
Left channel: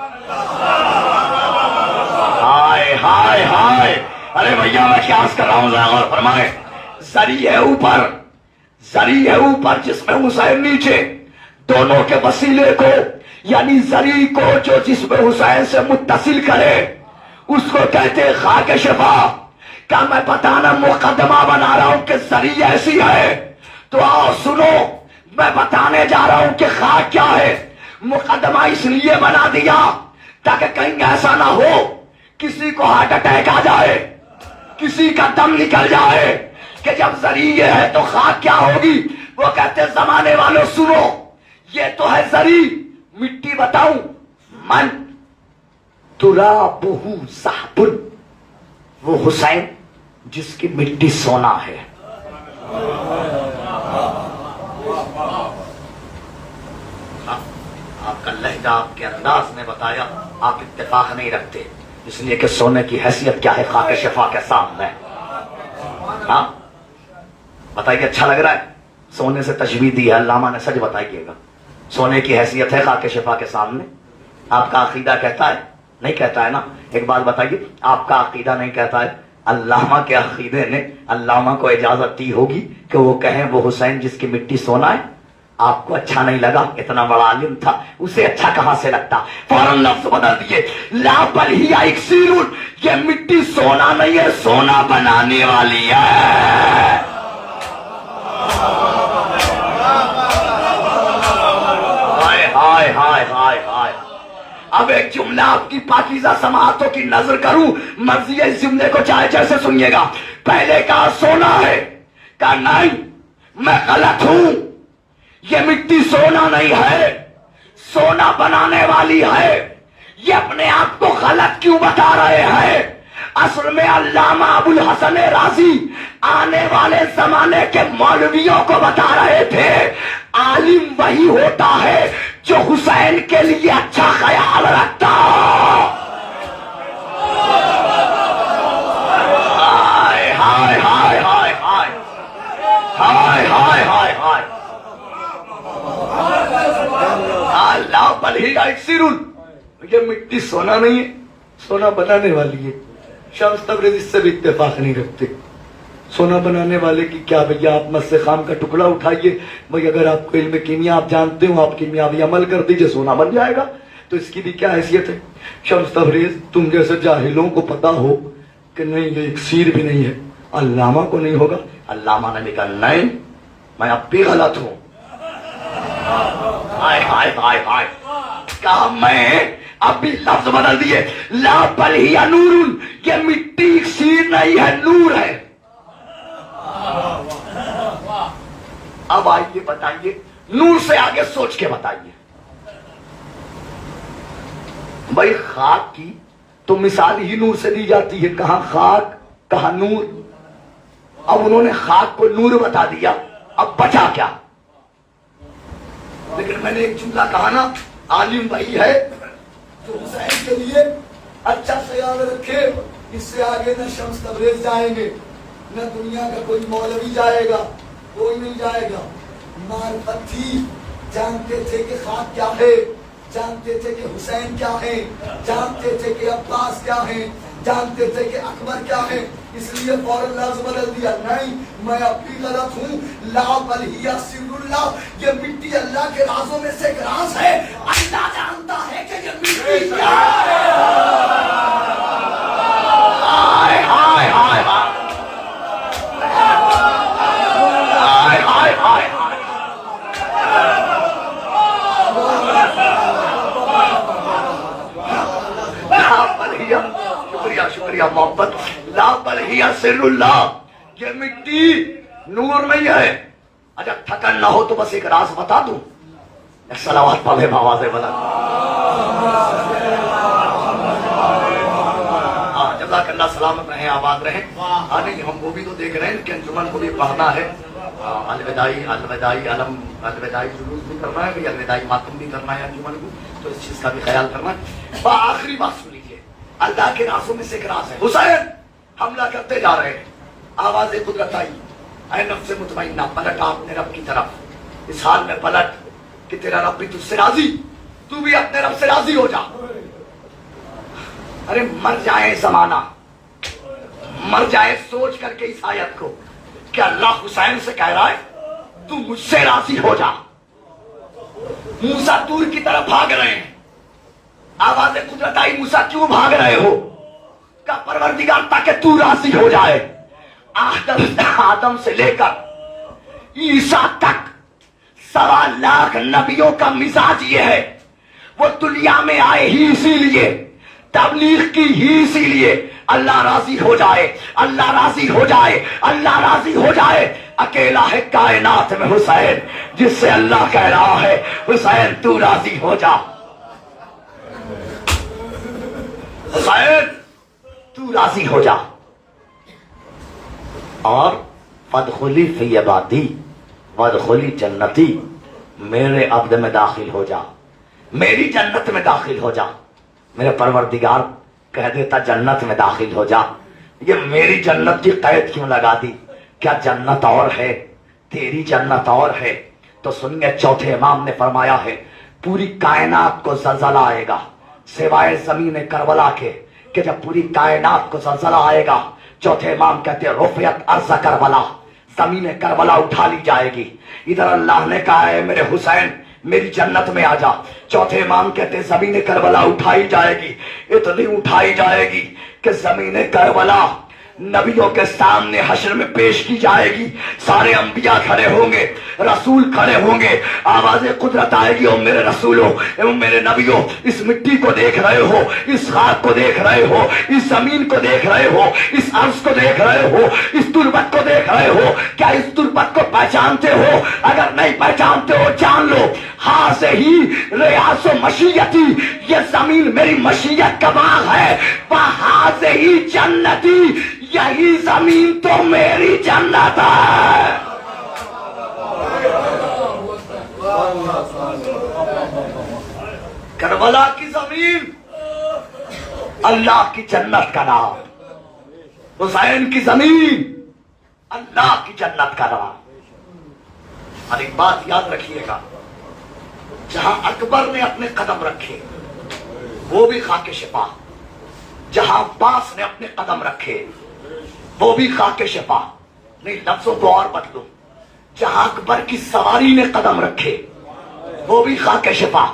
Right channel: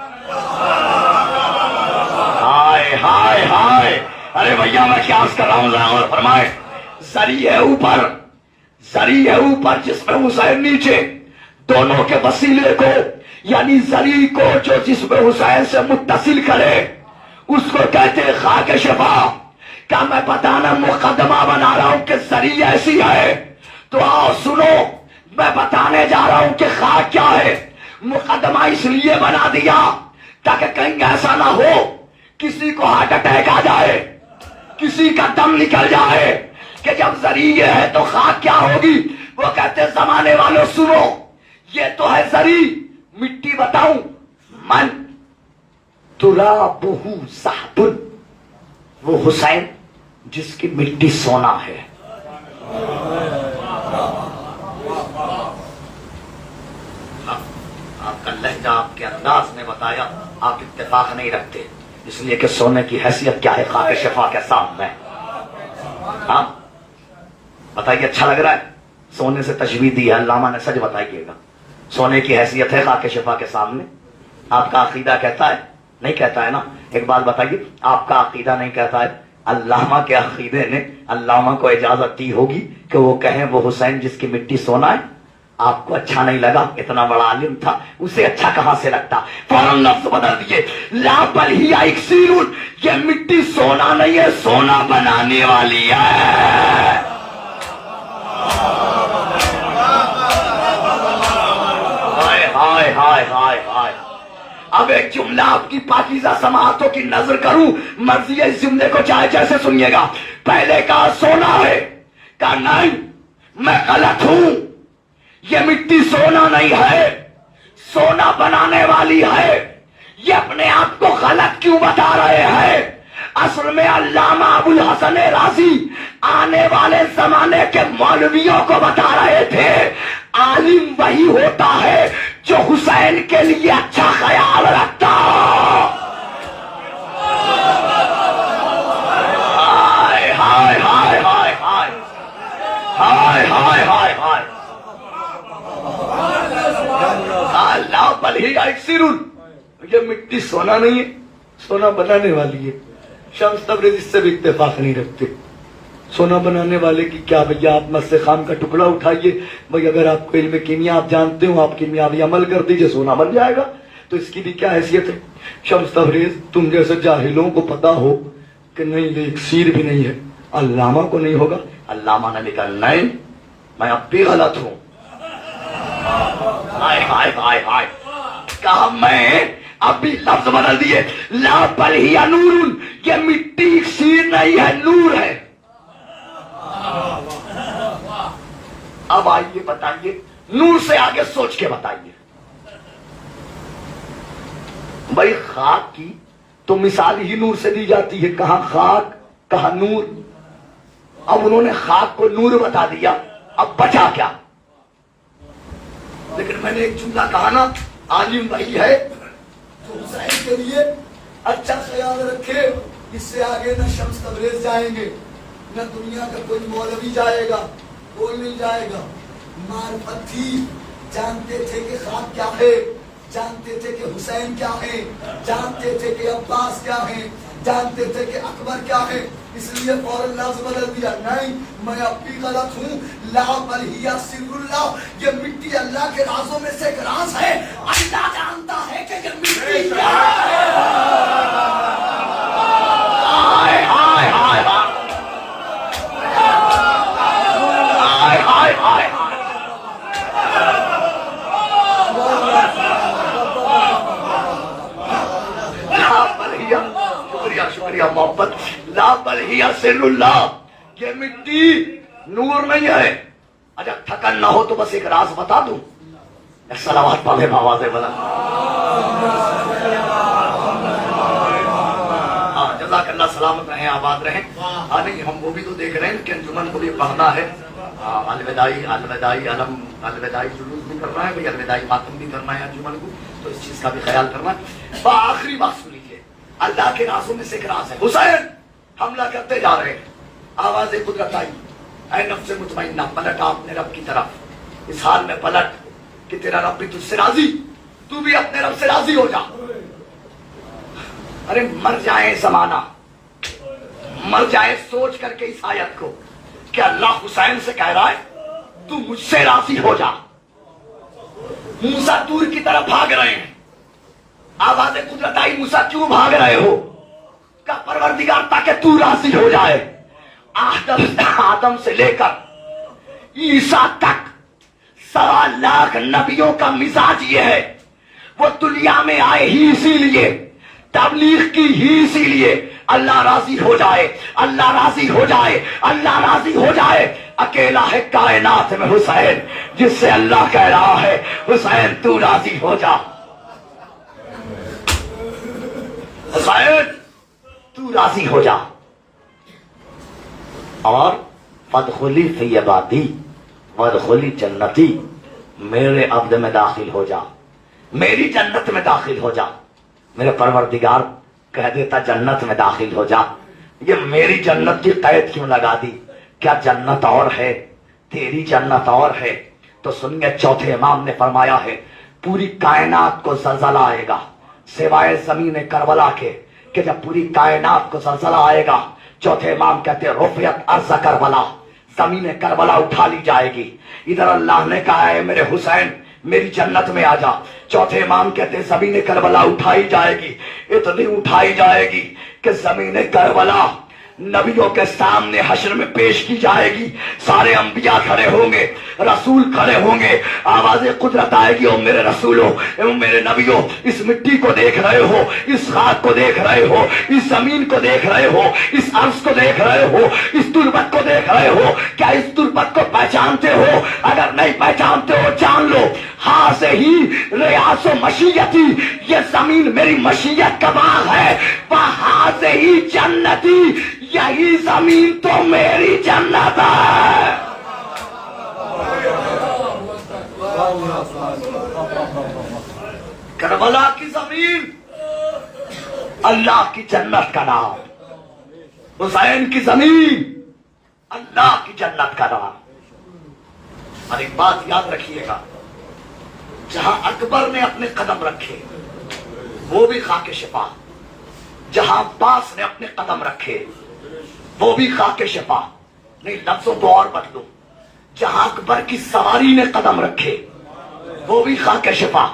ہائے ہائے ہائے, ارے بھیا میں قیاس کر رہا ہوں, ذرا غور فرمائے. زری ہے اوپر, زری ہے اوپر جس میں حسین نیچے, دونوں کے وسیلے کو یعنی زری کو جو جس میں حسین سے متصل کرے اس کو کہتے ہیں خاک شفا. کیا میں بتانا مقدمہ بنا رہا ہوں کہ زری ایسی ہے؟ تو آؤ سنو, میں بتانے جا رہا ہوں کہ خاک کیا ہے. مقدمہ اس لیے بنا دیا تاکہ کہیں ایسا نہ ہو کسی کو ہارٹ اٹیک آ جائے, کسی کا دم نکل جائے کہ جب زری یہ ہے تو خاک کیا ہوگی. وہ کہتے زمانے والوں سنو, یہ تو ہے زری, مٹی بتاؤں من ترابہ ذہب, وہ حسین جس کی مٹی سونا ہے. آپ کا لہجہ آپ کے انداز میں بتایا, آپ اتفاق نہیں رکھتے, اس لیے کہ سونے کی حیثیت کیا ہے خاک شفا کے سامنے. ہاں بتائیے, اچھا لگ رہا ہے؟ سونے سے تشبیہ دی ہے علامہ نے, سچ بتائیے گا. سونے کی حیثیت ہے خاک شفا کے سامنے. آپ کا عقیدہ کہتا ہے؟ نہیں کہتا ہے نا. ایک بات بتائیے, آپ کا عقیدہ نہیں کہتا ہے, علامہ کے عقیدے نے علامہ کو اجازت دی ہوگی کہ وہ کہیں وہ حسین جس کی مٹی سونا ہے. آپ کو اچھا نہیں لگا, اتنا بڑا عالم تھا, اسے اچھا کہاں سے لگتا؟ فوراً لفظ بدل دیے, لا بل ہی اکسیر, یہ مٹی سونا نہیں ہے, سونا بنانے والی ہے. ہائے ہائے ہائے ہائے. اب ایک جملہ آپ کی پاکیزہ سماعتوں کی نظر کروں, مرضی اس جملے کو چاہے جیسے سنیے گا. پہلے کہا سونا ہے, کہا نہیں میں غلط ہوں, یہ مٹی سونا نہیں ہے, سونا بنانے والی ہے. یہ اپنے آپ کو غلط کیوں بتا رہے ہیں؟ اصل میں علامہ ابو الحسن رازی آنے والے زمانے کے مولویوں کو بتا رہے تھے, عالم وہی ہوتا ہے جو حسین کے لیے اچھا خیال رکھتا. ہائے ہائے ہائے ہائے ہائے ہائے ہائے ہائے ہائے. اللہ بلی اکثر, یہ مٹی سونا نہیں ہے, سونا بنانے والی ہے. شمس تبریز اس سے بھی اتفاق نہیں رکھتے. سونا بنانے والے کی کیا بھیا, آپ مس خام کا ٹکڑا اٹھائیے بھائی, اگر آپ کو علم کیمیا آپ جانتے ہو, آپ کیمیاوی عمل کر دیجئے, سونا بن جائے گا. تو اس کی بھی کیا حیثیت ہے؟ شمس تبریز تم جیسے جاہلوں کو پتا ہو کہ نہیں یہ اکسیر بھی نہیں ہے, علامہ کو نہیں ہوگا. علامہ نے کہا نہیں میں اب بھی غلط ہوں. ہائے ہائے ہائے ہائے, کہا میں اب بھی لفظ بدل دیے, لا بل ہی نور, یہ مٹی اکسیر نہیں ہے, نور ہے. اب آئیے بتائیے, نور سے آگے سوچ کے بتائیے. بھائی خاک کی تو مثال ہی نور سے دی جاتی ہے, کہاں خاک کہاں نور. اب انہوں نے خاک کو نور بتا دیا, اب بچا کیا؟ لیکن میں نے ایک جملہ کہا نا, عالم وہی ہے جو حسین کے لیے اچھا خیال رکھے. اس سے آگے نہ شمس تبریز جائیں گے, نہ دنیا کا کوئی مولوی جائے گا, کوئی مل جائے گا. معرفت تھی, جانتے تھے کہ خاک کیا ہے, جانتے تھے کہ حسین کیا ہے, جانتے تھے کہ عباس کیا ہے, جانتے تھے کہ اکبر کیا ہے. اس لیے فوراً لفظ بدل دیا, نہیں میں اب بھی غلط ہوں. لا بل ہی سر اللہ, یہ مٹی اللہ کے رازوں میں سے ایک راز ہے, اللہ جانتا ہے کہ یہ مٹی کیا ہے. ہائے ہائے ہائے ہائے ہائے ہائے. شکریہ شکریہ محبت. لا بل ہی سر اللہ, یہ مٹی نور نہیں ہے. اچھا تھکن نہ ہو تو بس ایک راز بتا دوں, صلوات پڑھے آواز بلند. جزاک اللہ، سلامت رہیں، آباد رہیں. نہیں ہم وہ بھی تو دیکھ رہے ہیں کہ انجمن کو بھی پڑھنا ہے، الوداعی علم، الوداعی جلوس بھی کرنا ہے، الوداعی ماتم بھی کرنا ہے انجمن کو، تو اس چیز کا بھی خیال کرنا ہے. آخری بات سن لیجیے، اللہ کے رازوں میں سے ایک راز ہے. حسین حملہ کرتے جا رہے ہیں، آواز قدرت آئی، اے نفس مطمئنہ پلٹ اپنے رب کی طرف. اس حال میں پلٹ کہ تیرا رب بھی تجھ سے راضی، تو بھی اپنے رب سے راضی ہو جا. ارے مر جائے زمانہ، مر جائے سوچ کر کے اس آیت کو کہ اللہ حسین سے کہہ رہا ہے تو مجھ سے راضی ہو جا. موسیٰ طور کی طرف بھاگ رہے ہیں، آواز قدرت آئی، موسیٰ کیوں بھاگ رہے ہو؟ کہ پروردگار تاکہ تو راضی ہو جائے. آدم سے لے کر عیسیٰ تک 1.25 لاکھ نبیوں کا مزاج یہ ہے، وہ دنیا میں آئے ہی اسی لیے، تبلیغ کی ہی اسی لیے، اللہ راضی ہو جائے، اللہ راضی ہو جائے، اللہ راضی ہو جائے. اکیلا ہے کائنات میں حسین جس سے اللہ کہہ رہا ہے حسین تو راضی ہو جا، حسین تو راضی ہو جا. اور فادخلی فی عبادی وادخلی جنتی، میرے عبد میں داخل ہو جا، میری جنت میں داخل ہو جا. میرے پروردگار کہہ دیتا جنت میں داخل ہو جا، یہ میری جنت کی قید کیوں لگا دی؟ کیا جنت اور ہے، تیری جنت اور ہے؟ تو سنیے، چوتھے امام نے فرمایا ہے پوری کائنات کو زلزلہ آئے گا سوائے زمین کربلا کے، کہ جب پوری کائنات کو زلزلہ آئے گا، چوتھے امام کہتے ہیں رفعت ارض کربلا، زمین کربلا اٹھا لی جائے گی. ادھر اللہ نے کہا ہے میرے حسین میری جنت میں آ جا. چوتھے امام کہتے ہیں زمین کربلا اٹھائی جائے گی، اتنی اٹھائی جائے گی کہ زمین کربلا نبیوں کے سامنے حشر میں پیش کی جائے گی. سارے انبیاء کھڑے ہوں گے، رسول کھڑے ہوں گے، آواز قدرت آئے گی، او میرے رسولوں، او میرے نبیوں، اس مٹی کو دیکھ رہے ہو، اس خاک کو دیکھ رہے ہو، اس زمین کو دیکھ رہے ہو، اس عرض کو دیکھ رہے ہو، اس تربت کو دیکھ رہے ہو، کیا اس تربت کو پہچانتے ہو؟ اگر نہیں پہچانتے ہو جان لو، ہاں سے ہی ریاض و مشیتی، یہ زمین میری مشیت کا باغ ہے، وہاں سے ہی جنتی، یہی زمین تو میری جنت ہے. کربلا کی زمین اللہ کی جنت کا نام، حسین کی زمین اللہ کی جنت کا نام. اور ایک بات یاد رکھیے گا، جہاں اکبر نے اپنے قدم رکھے وہ بھی خاک شفا، جہاں عباس نے اپنے قدم رکھے وہ بھی خاک شفا. نہیں لفظوں کو اور بدلو، جہاں اکبر کی سواری نے قدم رکھے وہ بھی خاک شفا،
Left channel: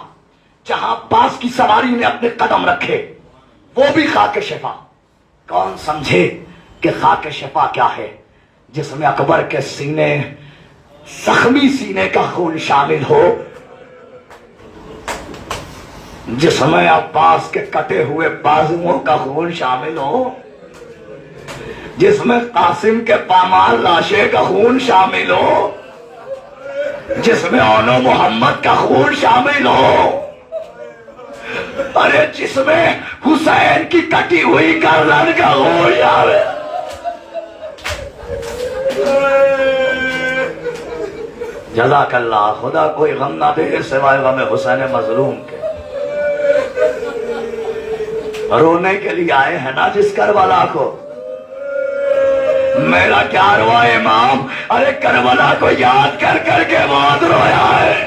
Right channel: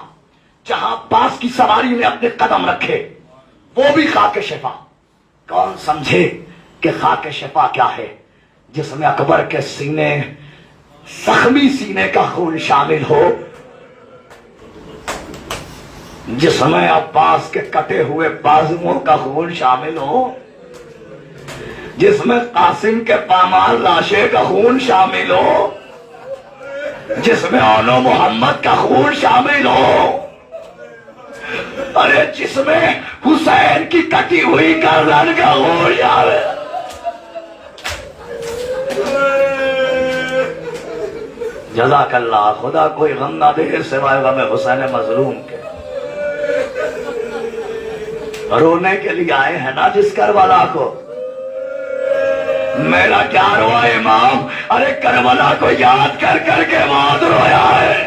جہاں عباس کی سواری نے اپنے قدم رکھے وہ بھی خاک شفا. کون سمجھے کہ خاک شفا کیا ہے؟ جس میں اکبر کے سینے، زخمی سینے کا خون شامل ہو، جس میں عباس کے کٹے ہوئے بازوؤں کا خون شامل ہو، جس میں قاسم کے پامال لاشے کا خون شامل ہو، جس میں اونو محمد کا خون شامل ہو، ارے جس میں حسین کی کٹی ہوئی گردن کا خون شامل. جزاک اللہ، خدا کوئی غم نہ دے سوائے غم حسین مظلوم کے. رونے کے لیے آئے ہیں نا جس کربلا کو. میرا کیا روا امام، ارے کربلا کو یاد کر کر کے بہت رویا ہے،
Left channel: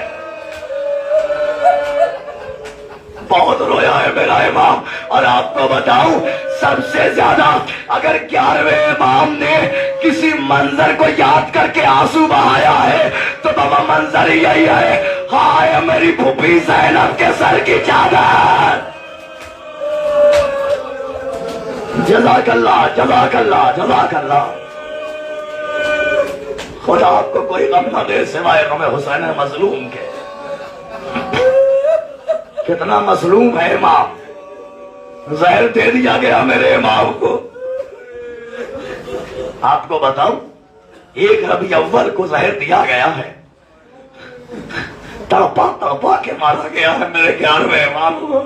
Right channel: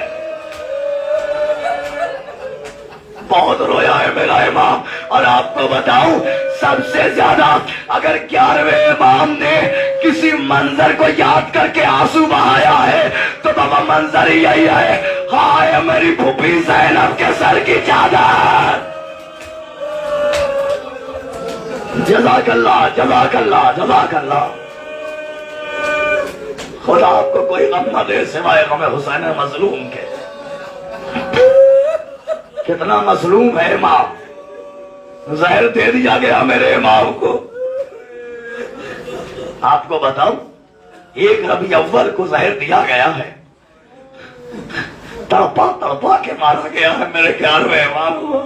بہت رویا ہے میرا امام. اور آپ کو بتاؤں سب سے زیادہ اگر 11ویں امام نے کسی منظر کو یاد کر کے آنسو بہایا ہے تو بابا منظر یہی ہے، ہائے میری پھوپھی زینب کے سر کی چادر. جزاک اللہ، جزاک اللہ، جزاک اللہ. خدا آپ کو کوئی غم نہ دے سوائے غم حسین مظلوم کے. کتنا مظلوم ہے امام، زہر دے دیا گیا میرے امام کو. آپ کو بتاؤں 1 ربیع اول کو زہر دیا گیا ہے، تڑپا تڑپا کے مارا گیا ہے میرے 11ویں امام کو.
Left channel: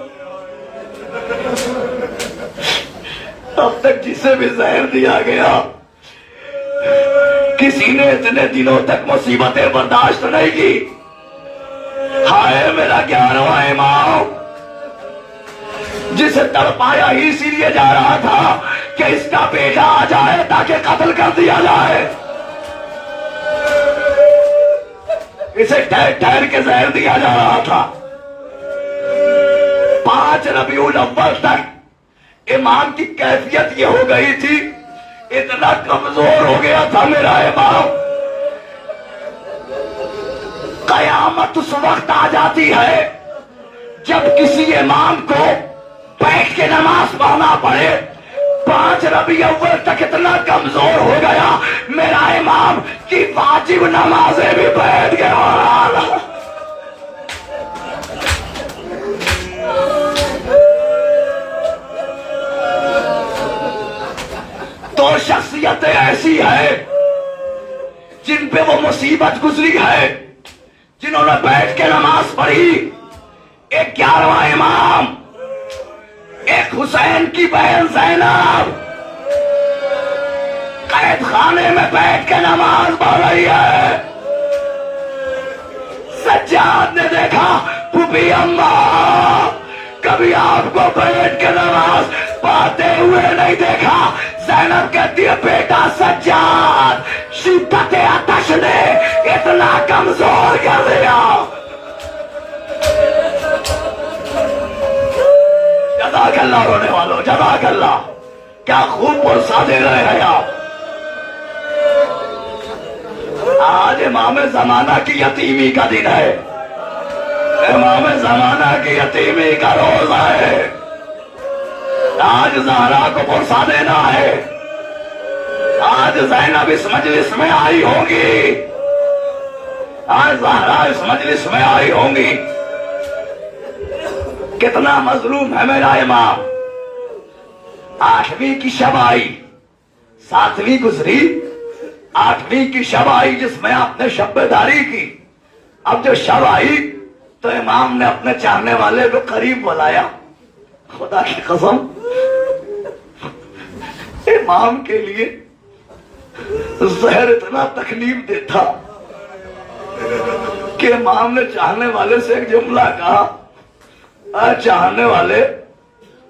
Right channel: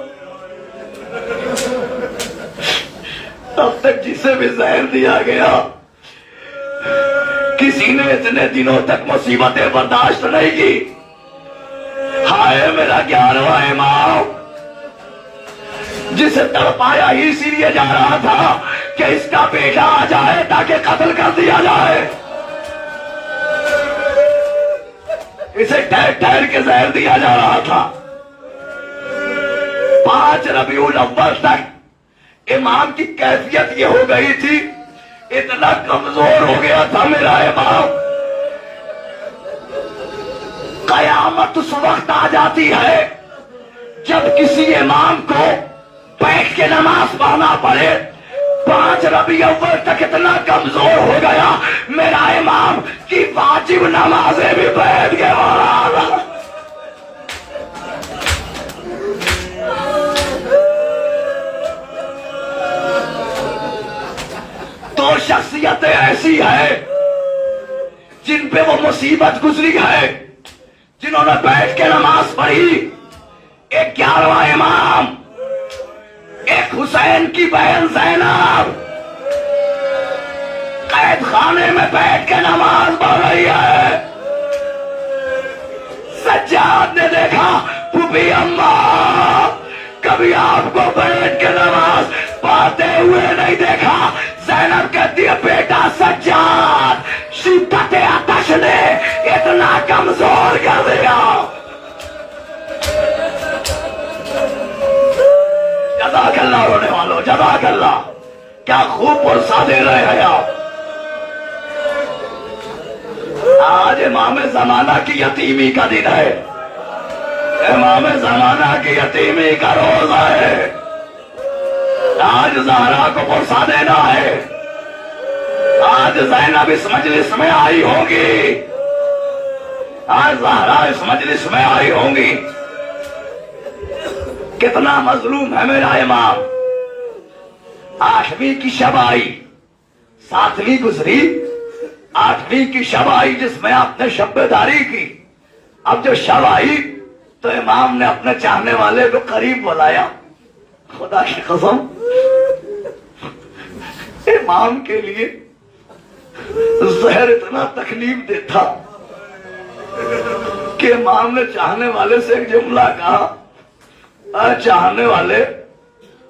اب تک جسے بھی زہر دیا گیا کسی نے اتنے دنوں تک مصیبتیں برداشت نہیں کی. ہائے میرا 11واں امام جسے تڑپایا ہی اسی لیے جا رہا تھا کہ اس کا بیٹا آ جائے تاکہ قتل کر دیا جائے. اسے ٹھہر ٹھہر کے زہر دیا جا رہا تھا. 5 ربیع الاول تک امام کی کیفیت یہ ہو گئی تھی، اتنا کمزور ہو گیا تھا میرا امام. قیامت اس وقت آ جاتی ہے جب کسی امام کو بیٹھ کے نماز پڑھنا پڑے. 5 ربیع الاول تک اتنا کمزور ہو گیا میرا امام کی واجب نمازیں بھی بیٹھ کے پڑھا. تو شخصیتیں ایسی ہے جن پہ وہ مصیبت گزری ہے، جنہوں نے بیٹھ کے نماز پڑھی. ایک 11واں امام، ایک حسین کی بہن زینب قید خانے میں بیٹھ کے نماز پڑھ رہی ہے. سجاد نے دیکھا پھوپھی اماں کبھی آپ کو بیٹھ کے نماز پڑھتے ہوئے نہیں دیکھا. زینب کہتی ہے بیٹا سجاد شدت آتش نے اتنا کمزور کر دیا. جزاک اللہ رونے والوں، جزاک اللہ. کیا خوب پرسا دے رہے ہیں آپ. آج امام زمانہ کی یتیمی کا دن ہے، امام زمانہ کی یتیمی کا روز ہے. آج زہرا کو پرسا دینا ہے. آج زینب اس مجلس میں آئی ہوگی، آج زہرا اس مجلس میں آئی ہوں گی. کتنا مظلوم ہے میرا امام. 8ویں کی شب آئی، 7ویں گزری، 8ویں کی شب آئی جس میں آپ نے شب بیداری کی. اب جو شب آئی تو امام نے اپنے چاہنے والے کو قریب بلایا. خدا کی قسم امام کے لیے زہر اتنا تکلیف دہ تھا کہ امام نے چاہنے والے سے ایک جملہ کہا، اے چاہنے والے،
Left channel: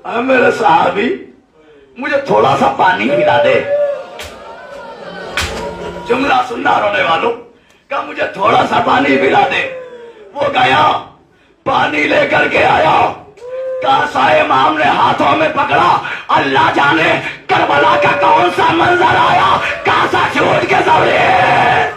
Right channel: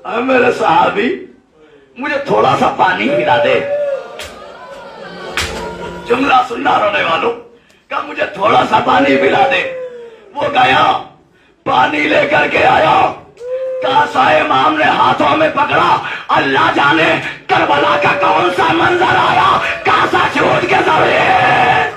اے میرے صحابی، مجھے تھوڑا سا پانی پلا دے. جملہ سننا رونے والوں کہ مجھے تھوڑا سا پانی پلا دے. وہ گیا پانی لے کر کے آیا. کاسا امام نے ہاتھوں میں پکڑا. اللہ جانے کربلا کا کون سا منظر آیا. کاسا چھوٹ کے زمین.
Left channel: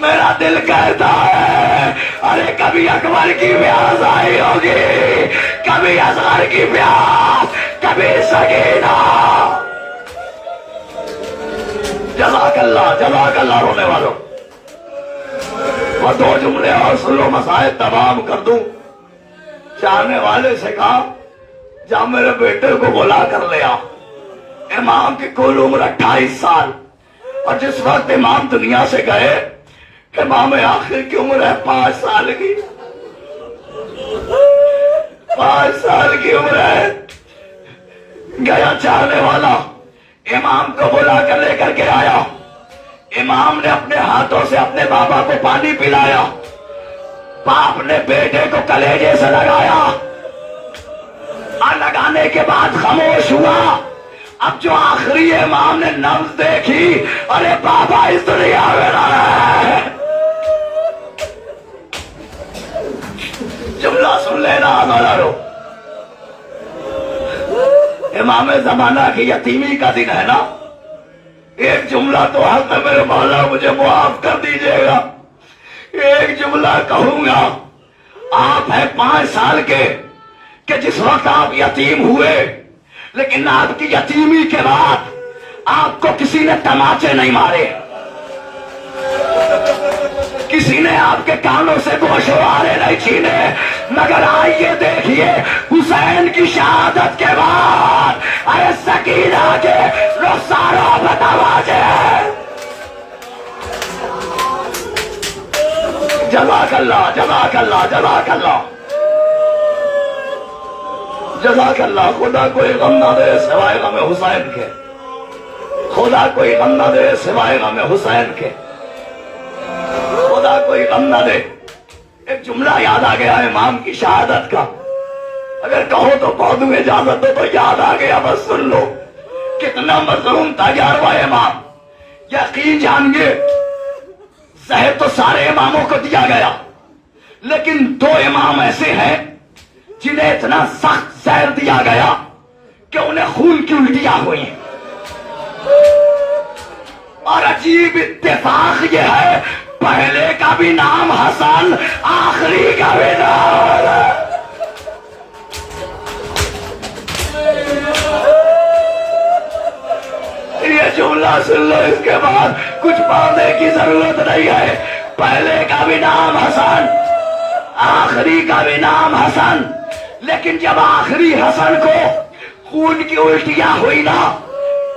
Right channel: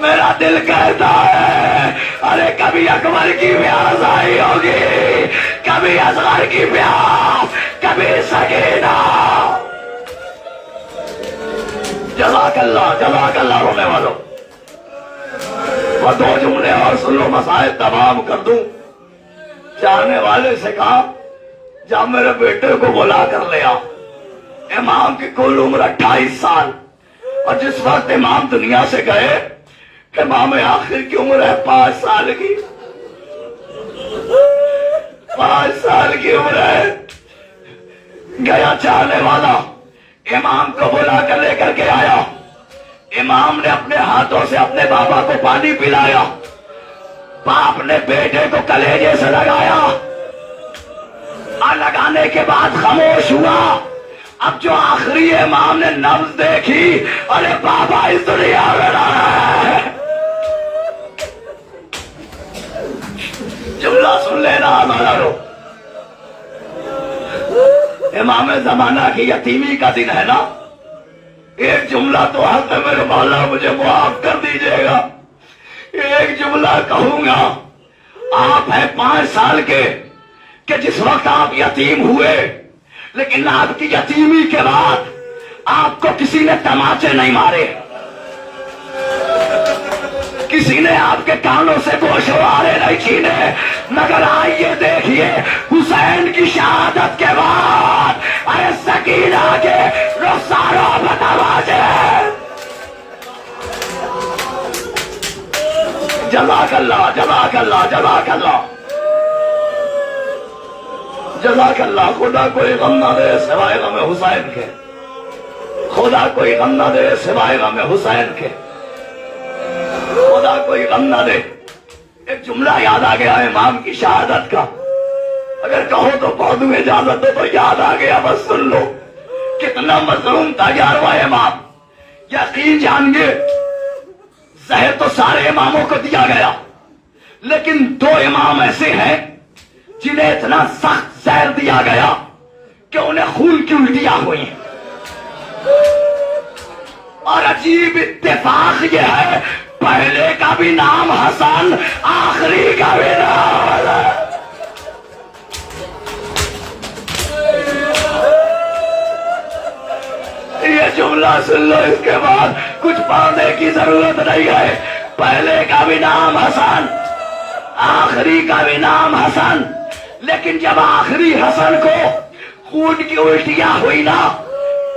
میرا دل کہتا ہے ارے کبھی اکبر کی پیاس آئی ہوگی، کبھی اصغر کی پیاس، کبھی سکینہ. جزاک اللہ، جزاک اللہ رونے والوں. وہ 2 جملے اور سن لو، مسائل تمام کر دوں. چاہنے والے سے کہا جا میرے بیٹے کو بلا کر لیا. امام کی کل عمر 28 سال، اور جس وقت امام دنیا سے گئے امام آخر کی عمر ہے 5 سال کی. 5 سال کی عمر ہے. گیا چاہنے والا امام کو بلا کر لے کر کے آیا. امام نے اپنے ہاتھوں سے اپنے بابا کو پانی پلایا. باپ نے بیٹے کو کلیجے سے لگایا اور لگانے کے بعد خاموش ہوا. اب جو آخری امام نے نبض دیکھی، ارے بابا اس دنیا میں نہ ہے. جملہ سن لینا ہمارا. امام زمانہ کی یتیمی کا دن ہے نا. ایک جملہ تو حق ہے میرے مولا، مجھے معاف کر دیجیے گا. ایک جملہ کہوں گا. آپ ہیں 5 سال کے کہ جس وقت آپ یتیم ہوئے، لیکن آپ کی یتیمی کے بعد آپ کو کسی نے تماچے نہیں مارے، کسی نے آپ کے کانوں سے گوشوارے نہیں چھینے. مگر آئیے دیکھیے حسین کی شہادت کے بعد ارے سکینہ کے رخساروں پہ تماچے. جزاک اللہ، جزاک اللہ، جزاک اللہ. جزاک اللہ. خدا کوئی غم نہ دے سوائے غم حسین کے. خدا کوئی غم نہ دے سوائے غم حسین کے. خدا کوئی غم نہ دے. ایک جملہ یاد آ گیا امام کی شہادت کا. اگر کہو تو پودوں میں اجازت دو تو یاد آ گیا, بس سن لو. کتنا مظلوم تھا 11واں امام. یقین جانگے زہر تو سارے اماموں کو دیا گیا, لیکن 2 امام ایسے ہیں جنہیں اتنا سخت زہر دیا گیا کہ انہیں خون کی الٹیاں ہوئی. اور عجیب اتفاق یہ ہے, پہلے کا بھی نام حسن, آخری کا بھی نام. یہ جملہ سن لو, اس کے بعد کچھ پڑھنے کی ضرورت نہیں ہے. پہلے کا بھی نام حسن, آخری کا بھی نام حسن. لیکن جب آخری حسن کو خون کی الٹیاں ہوئی نا,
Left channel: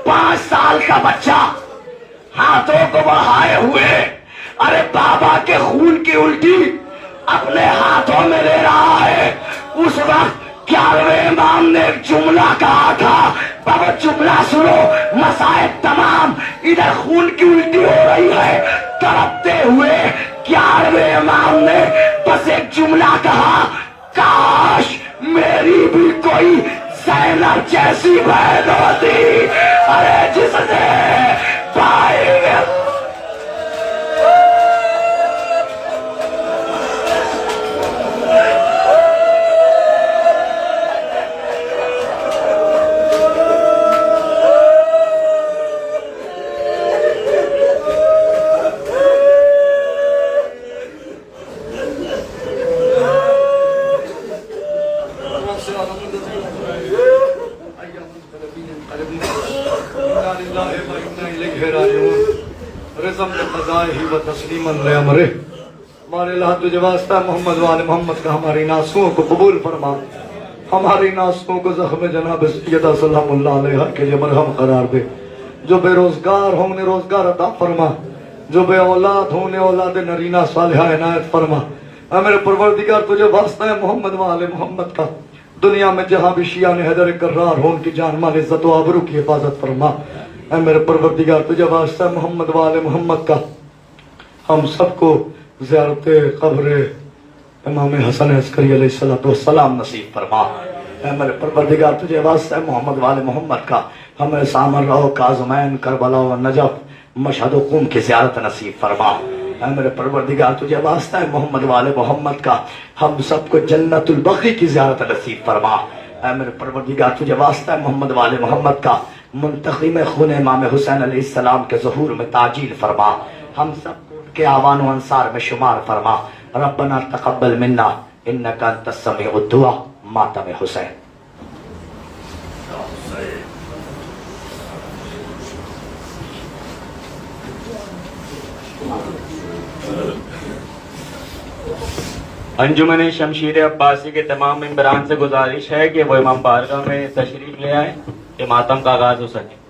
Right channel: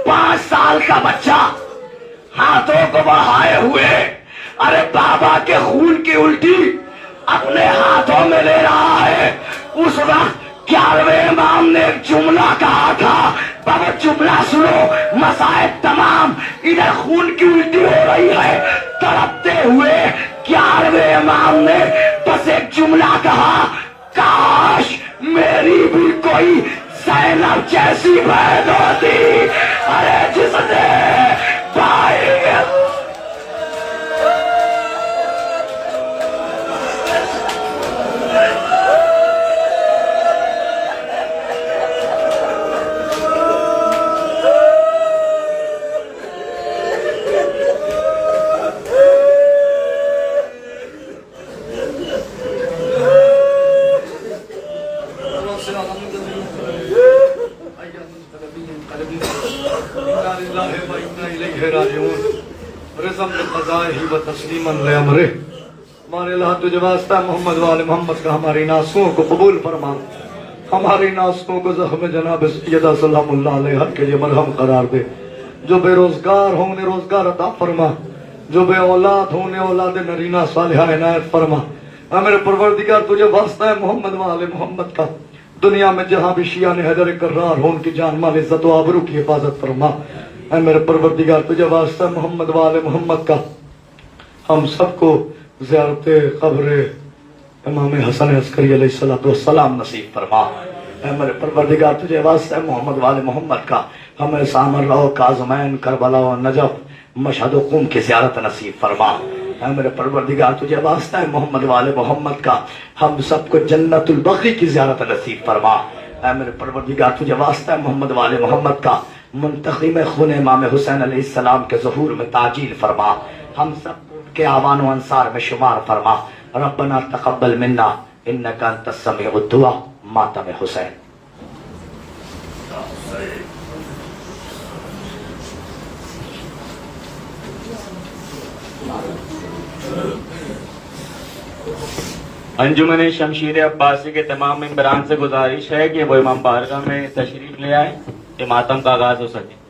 5 سال کا بچہ ہاتھوں کو بڑھائے ہوئے, ارے بابا کے خون کی الٹی اپنے ہاتھوں میں لے رہا ہے. اس وقت 11ویں امام نے ایک جملہ کہا تھا, بابا جملہ سنو, مسائل تمام, ادھر خون کی الٹی ہو رہی ہے. تڑپتے ہوئے 11ویں امام نے بس ایک جملہ کہا, کاش میری بھی کوئی زینب جیسی بہن ہوتی. ارے جس نے پائے ہمارے اللہ تجھے واسطہ محمد والے محمد کا ہماری ناسوں کو قبول فرما. ہماری ناسوں کو زخم جناب سیدہ سلام اللہ علیہ کے لیے مرہم قرار دے. جو بے روزگار ہوں انہیں روزگار عطا فرما, جو بے اولاد ہوں انہیں اولاد نرینہ صالحہ عنایت فرما. اے میرے پروردگار تجھے واسطہ ہے محمد والے محمد کا, دنیا میں جہاں بھی شیعہ نے حیدر کرار ہو ان کی جان مال عزت و آبرو کی حفاظت فرما. اے میرے پروردگار تجھے واسطہ محمد والے محمد کا, ہم سب کو زیارت قبر امام حسن عسکری علیہ السلام نصیب فرما. اے میرے پروردگار تجھے واسطہ محمد والے محمد کا, ہمیں سامرا و کاظمین, کربلا و نجف, مشہد و قم کی زیارت نصیب فرما. اے میرے پروردگار تجھے واسطہ ہے محمد والے محمد کا, ہم سب کو جنت البقیع کی زیارت نصیب فرما. اے میرے پروردگار تجھے واسطہ ہے محمد والے محمد کا, منتقم خون امام حسین علیہ السلام کے ظہور میں تعجیل فرما. ہم سب کو ان کے آوان و انصار میں شمار فرما. ربنا تقبل منا انک انت السمیع الدعاء. ماتم حسین. انجمن شمشیر عباسی کے تمام ممبران سے گزارش ہے کہ وہ امام بارگاہ میں تشریف لے آئے کہ ماتم کا آغاز ہو سکے.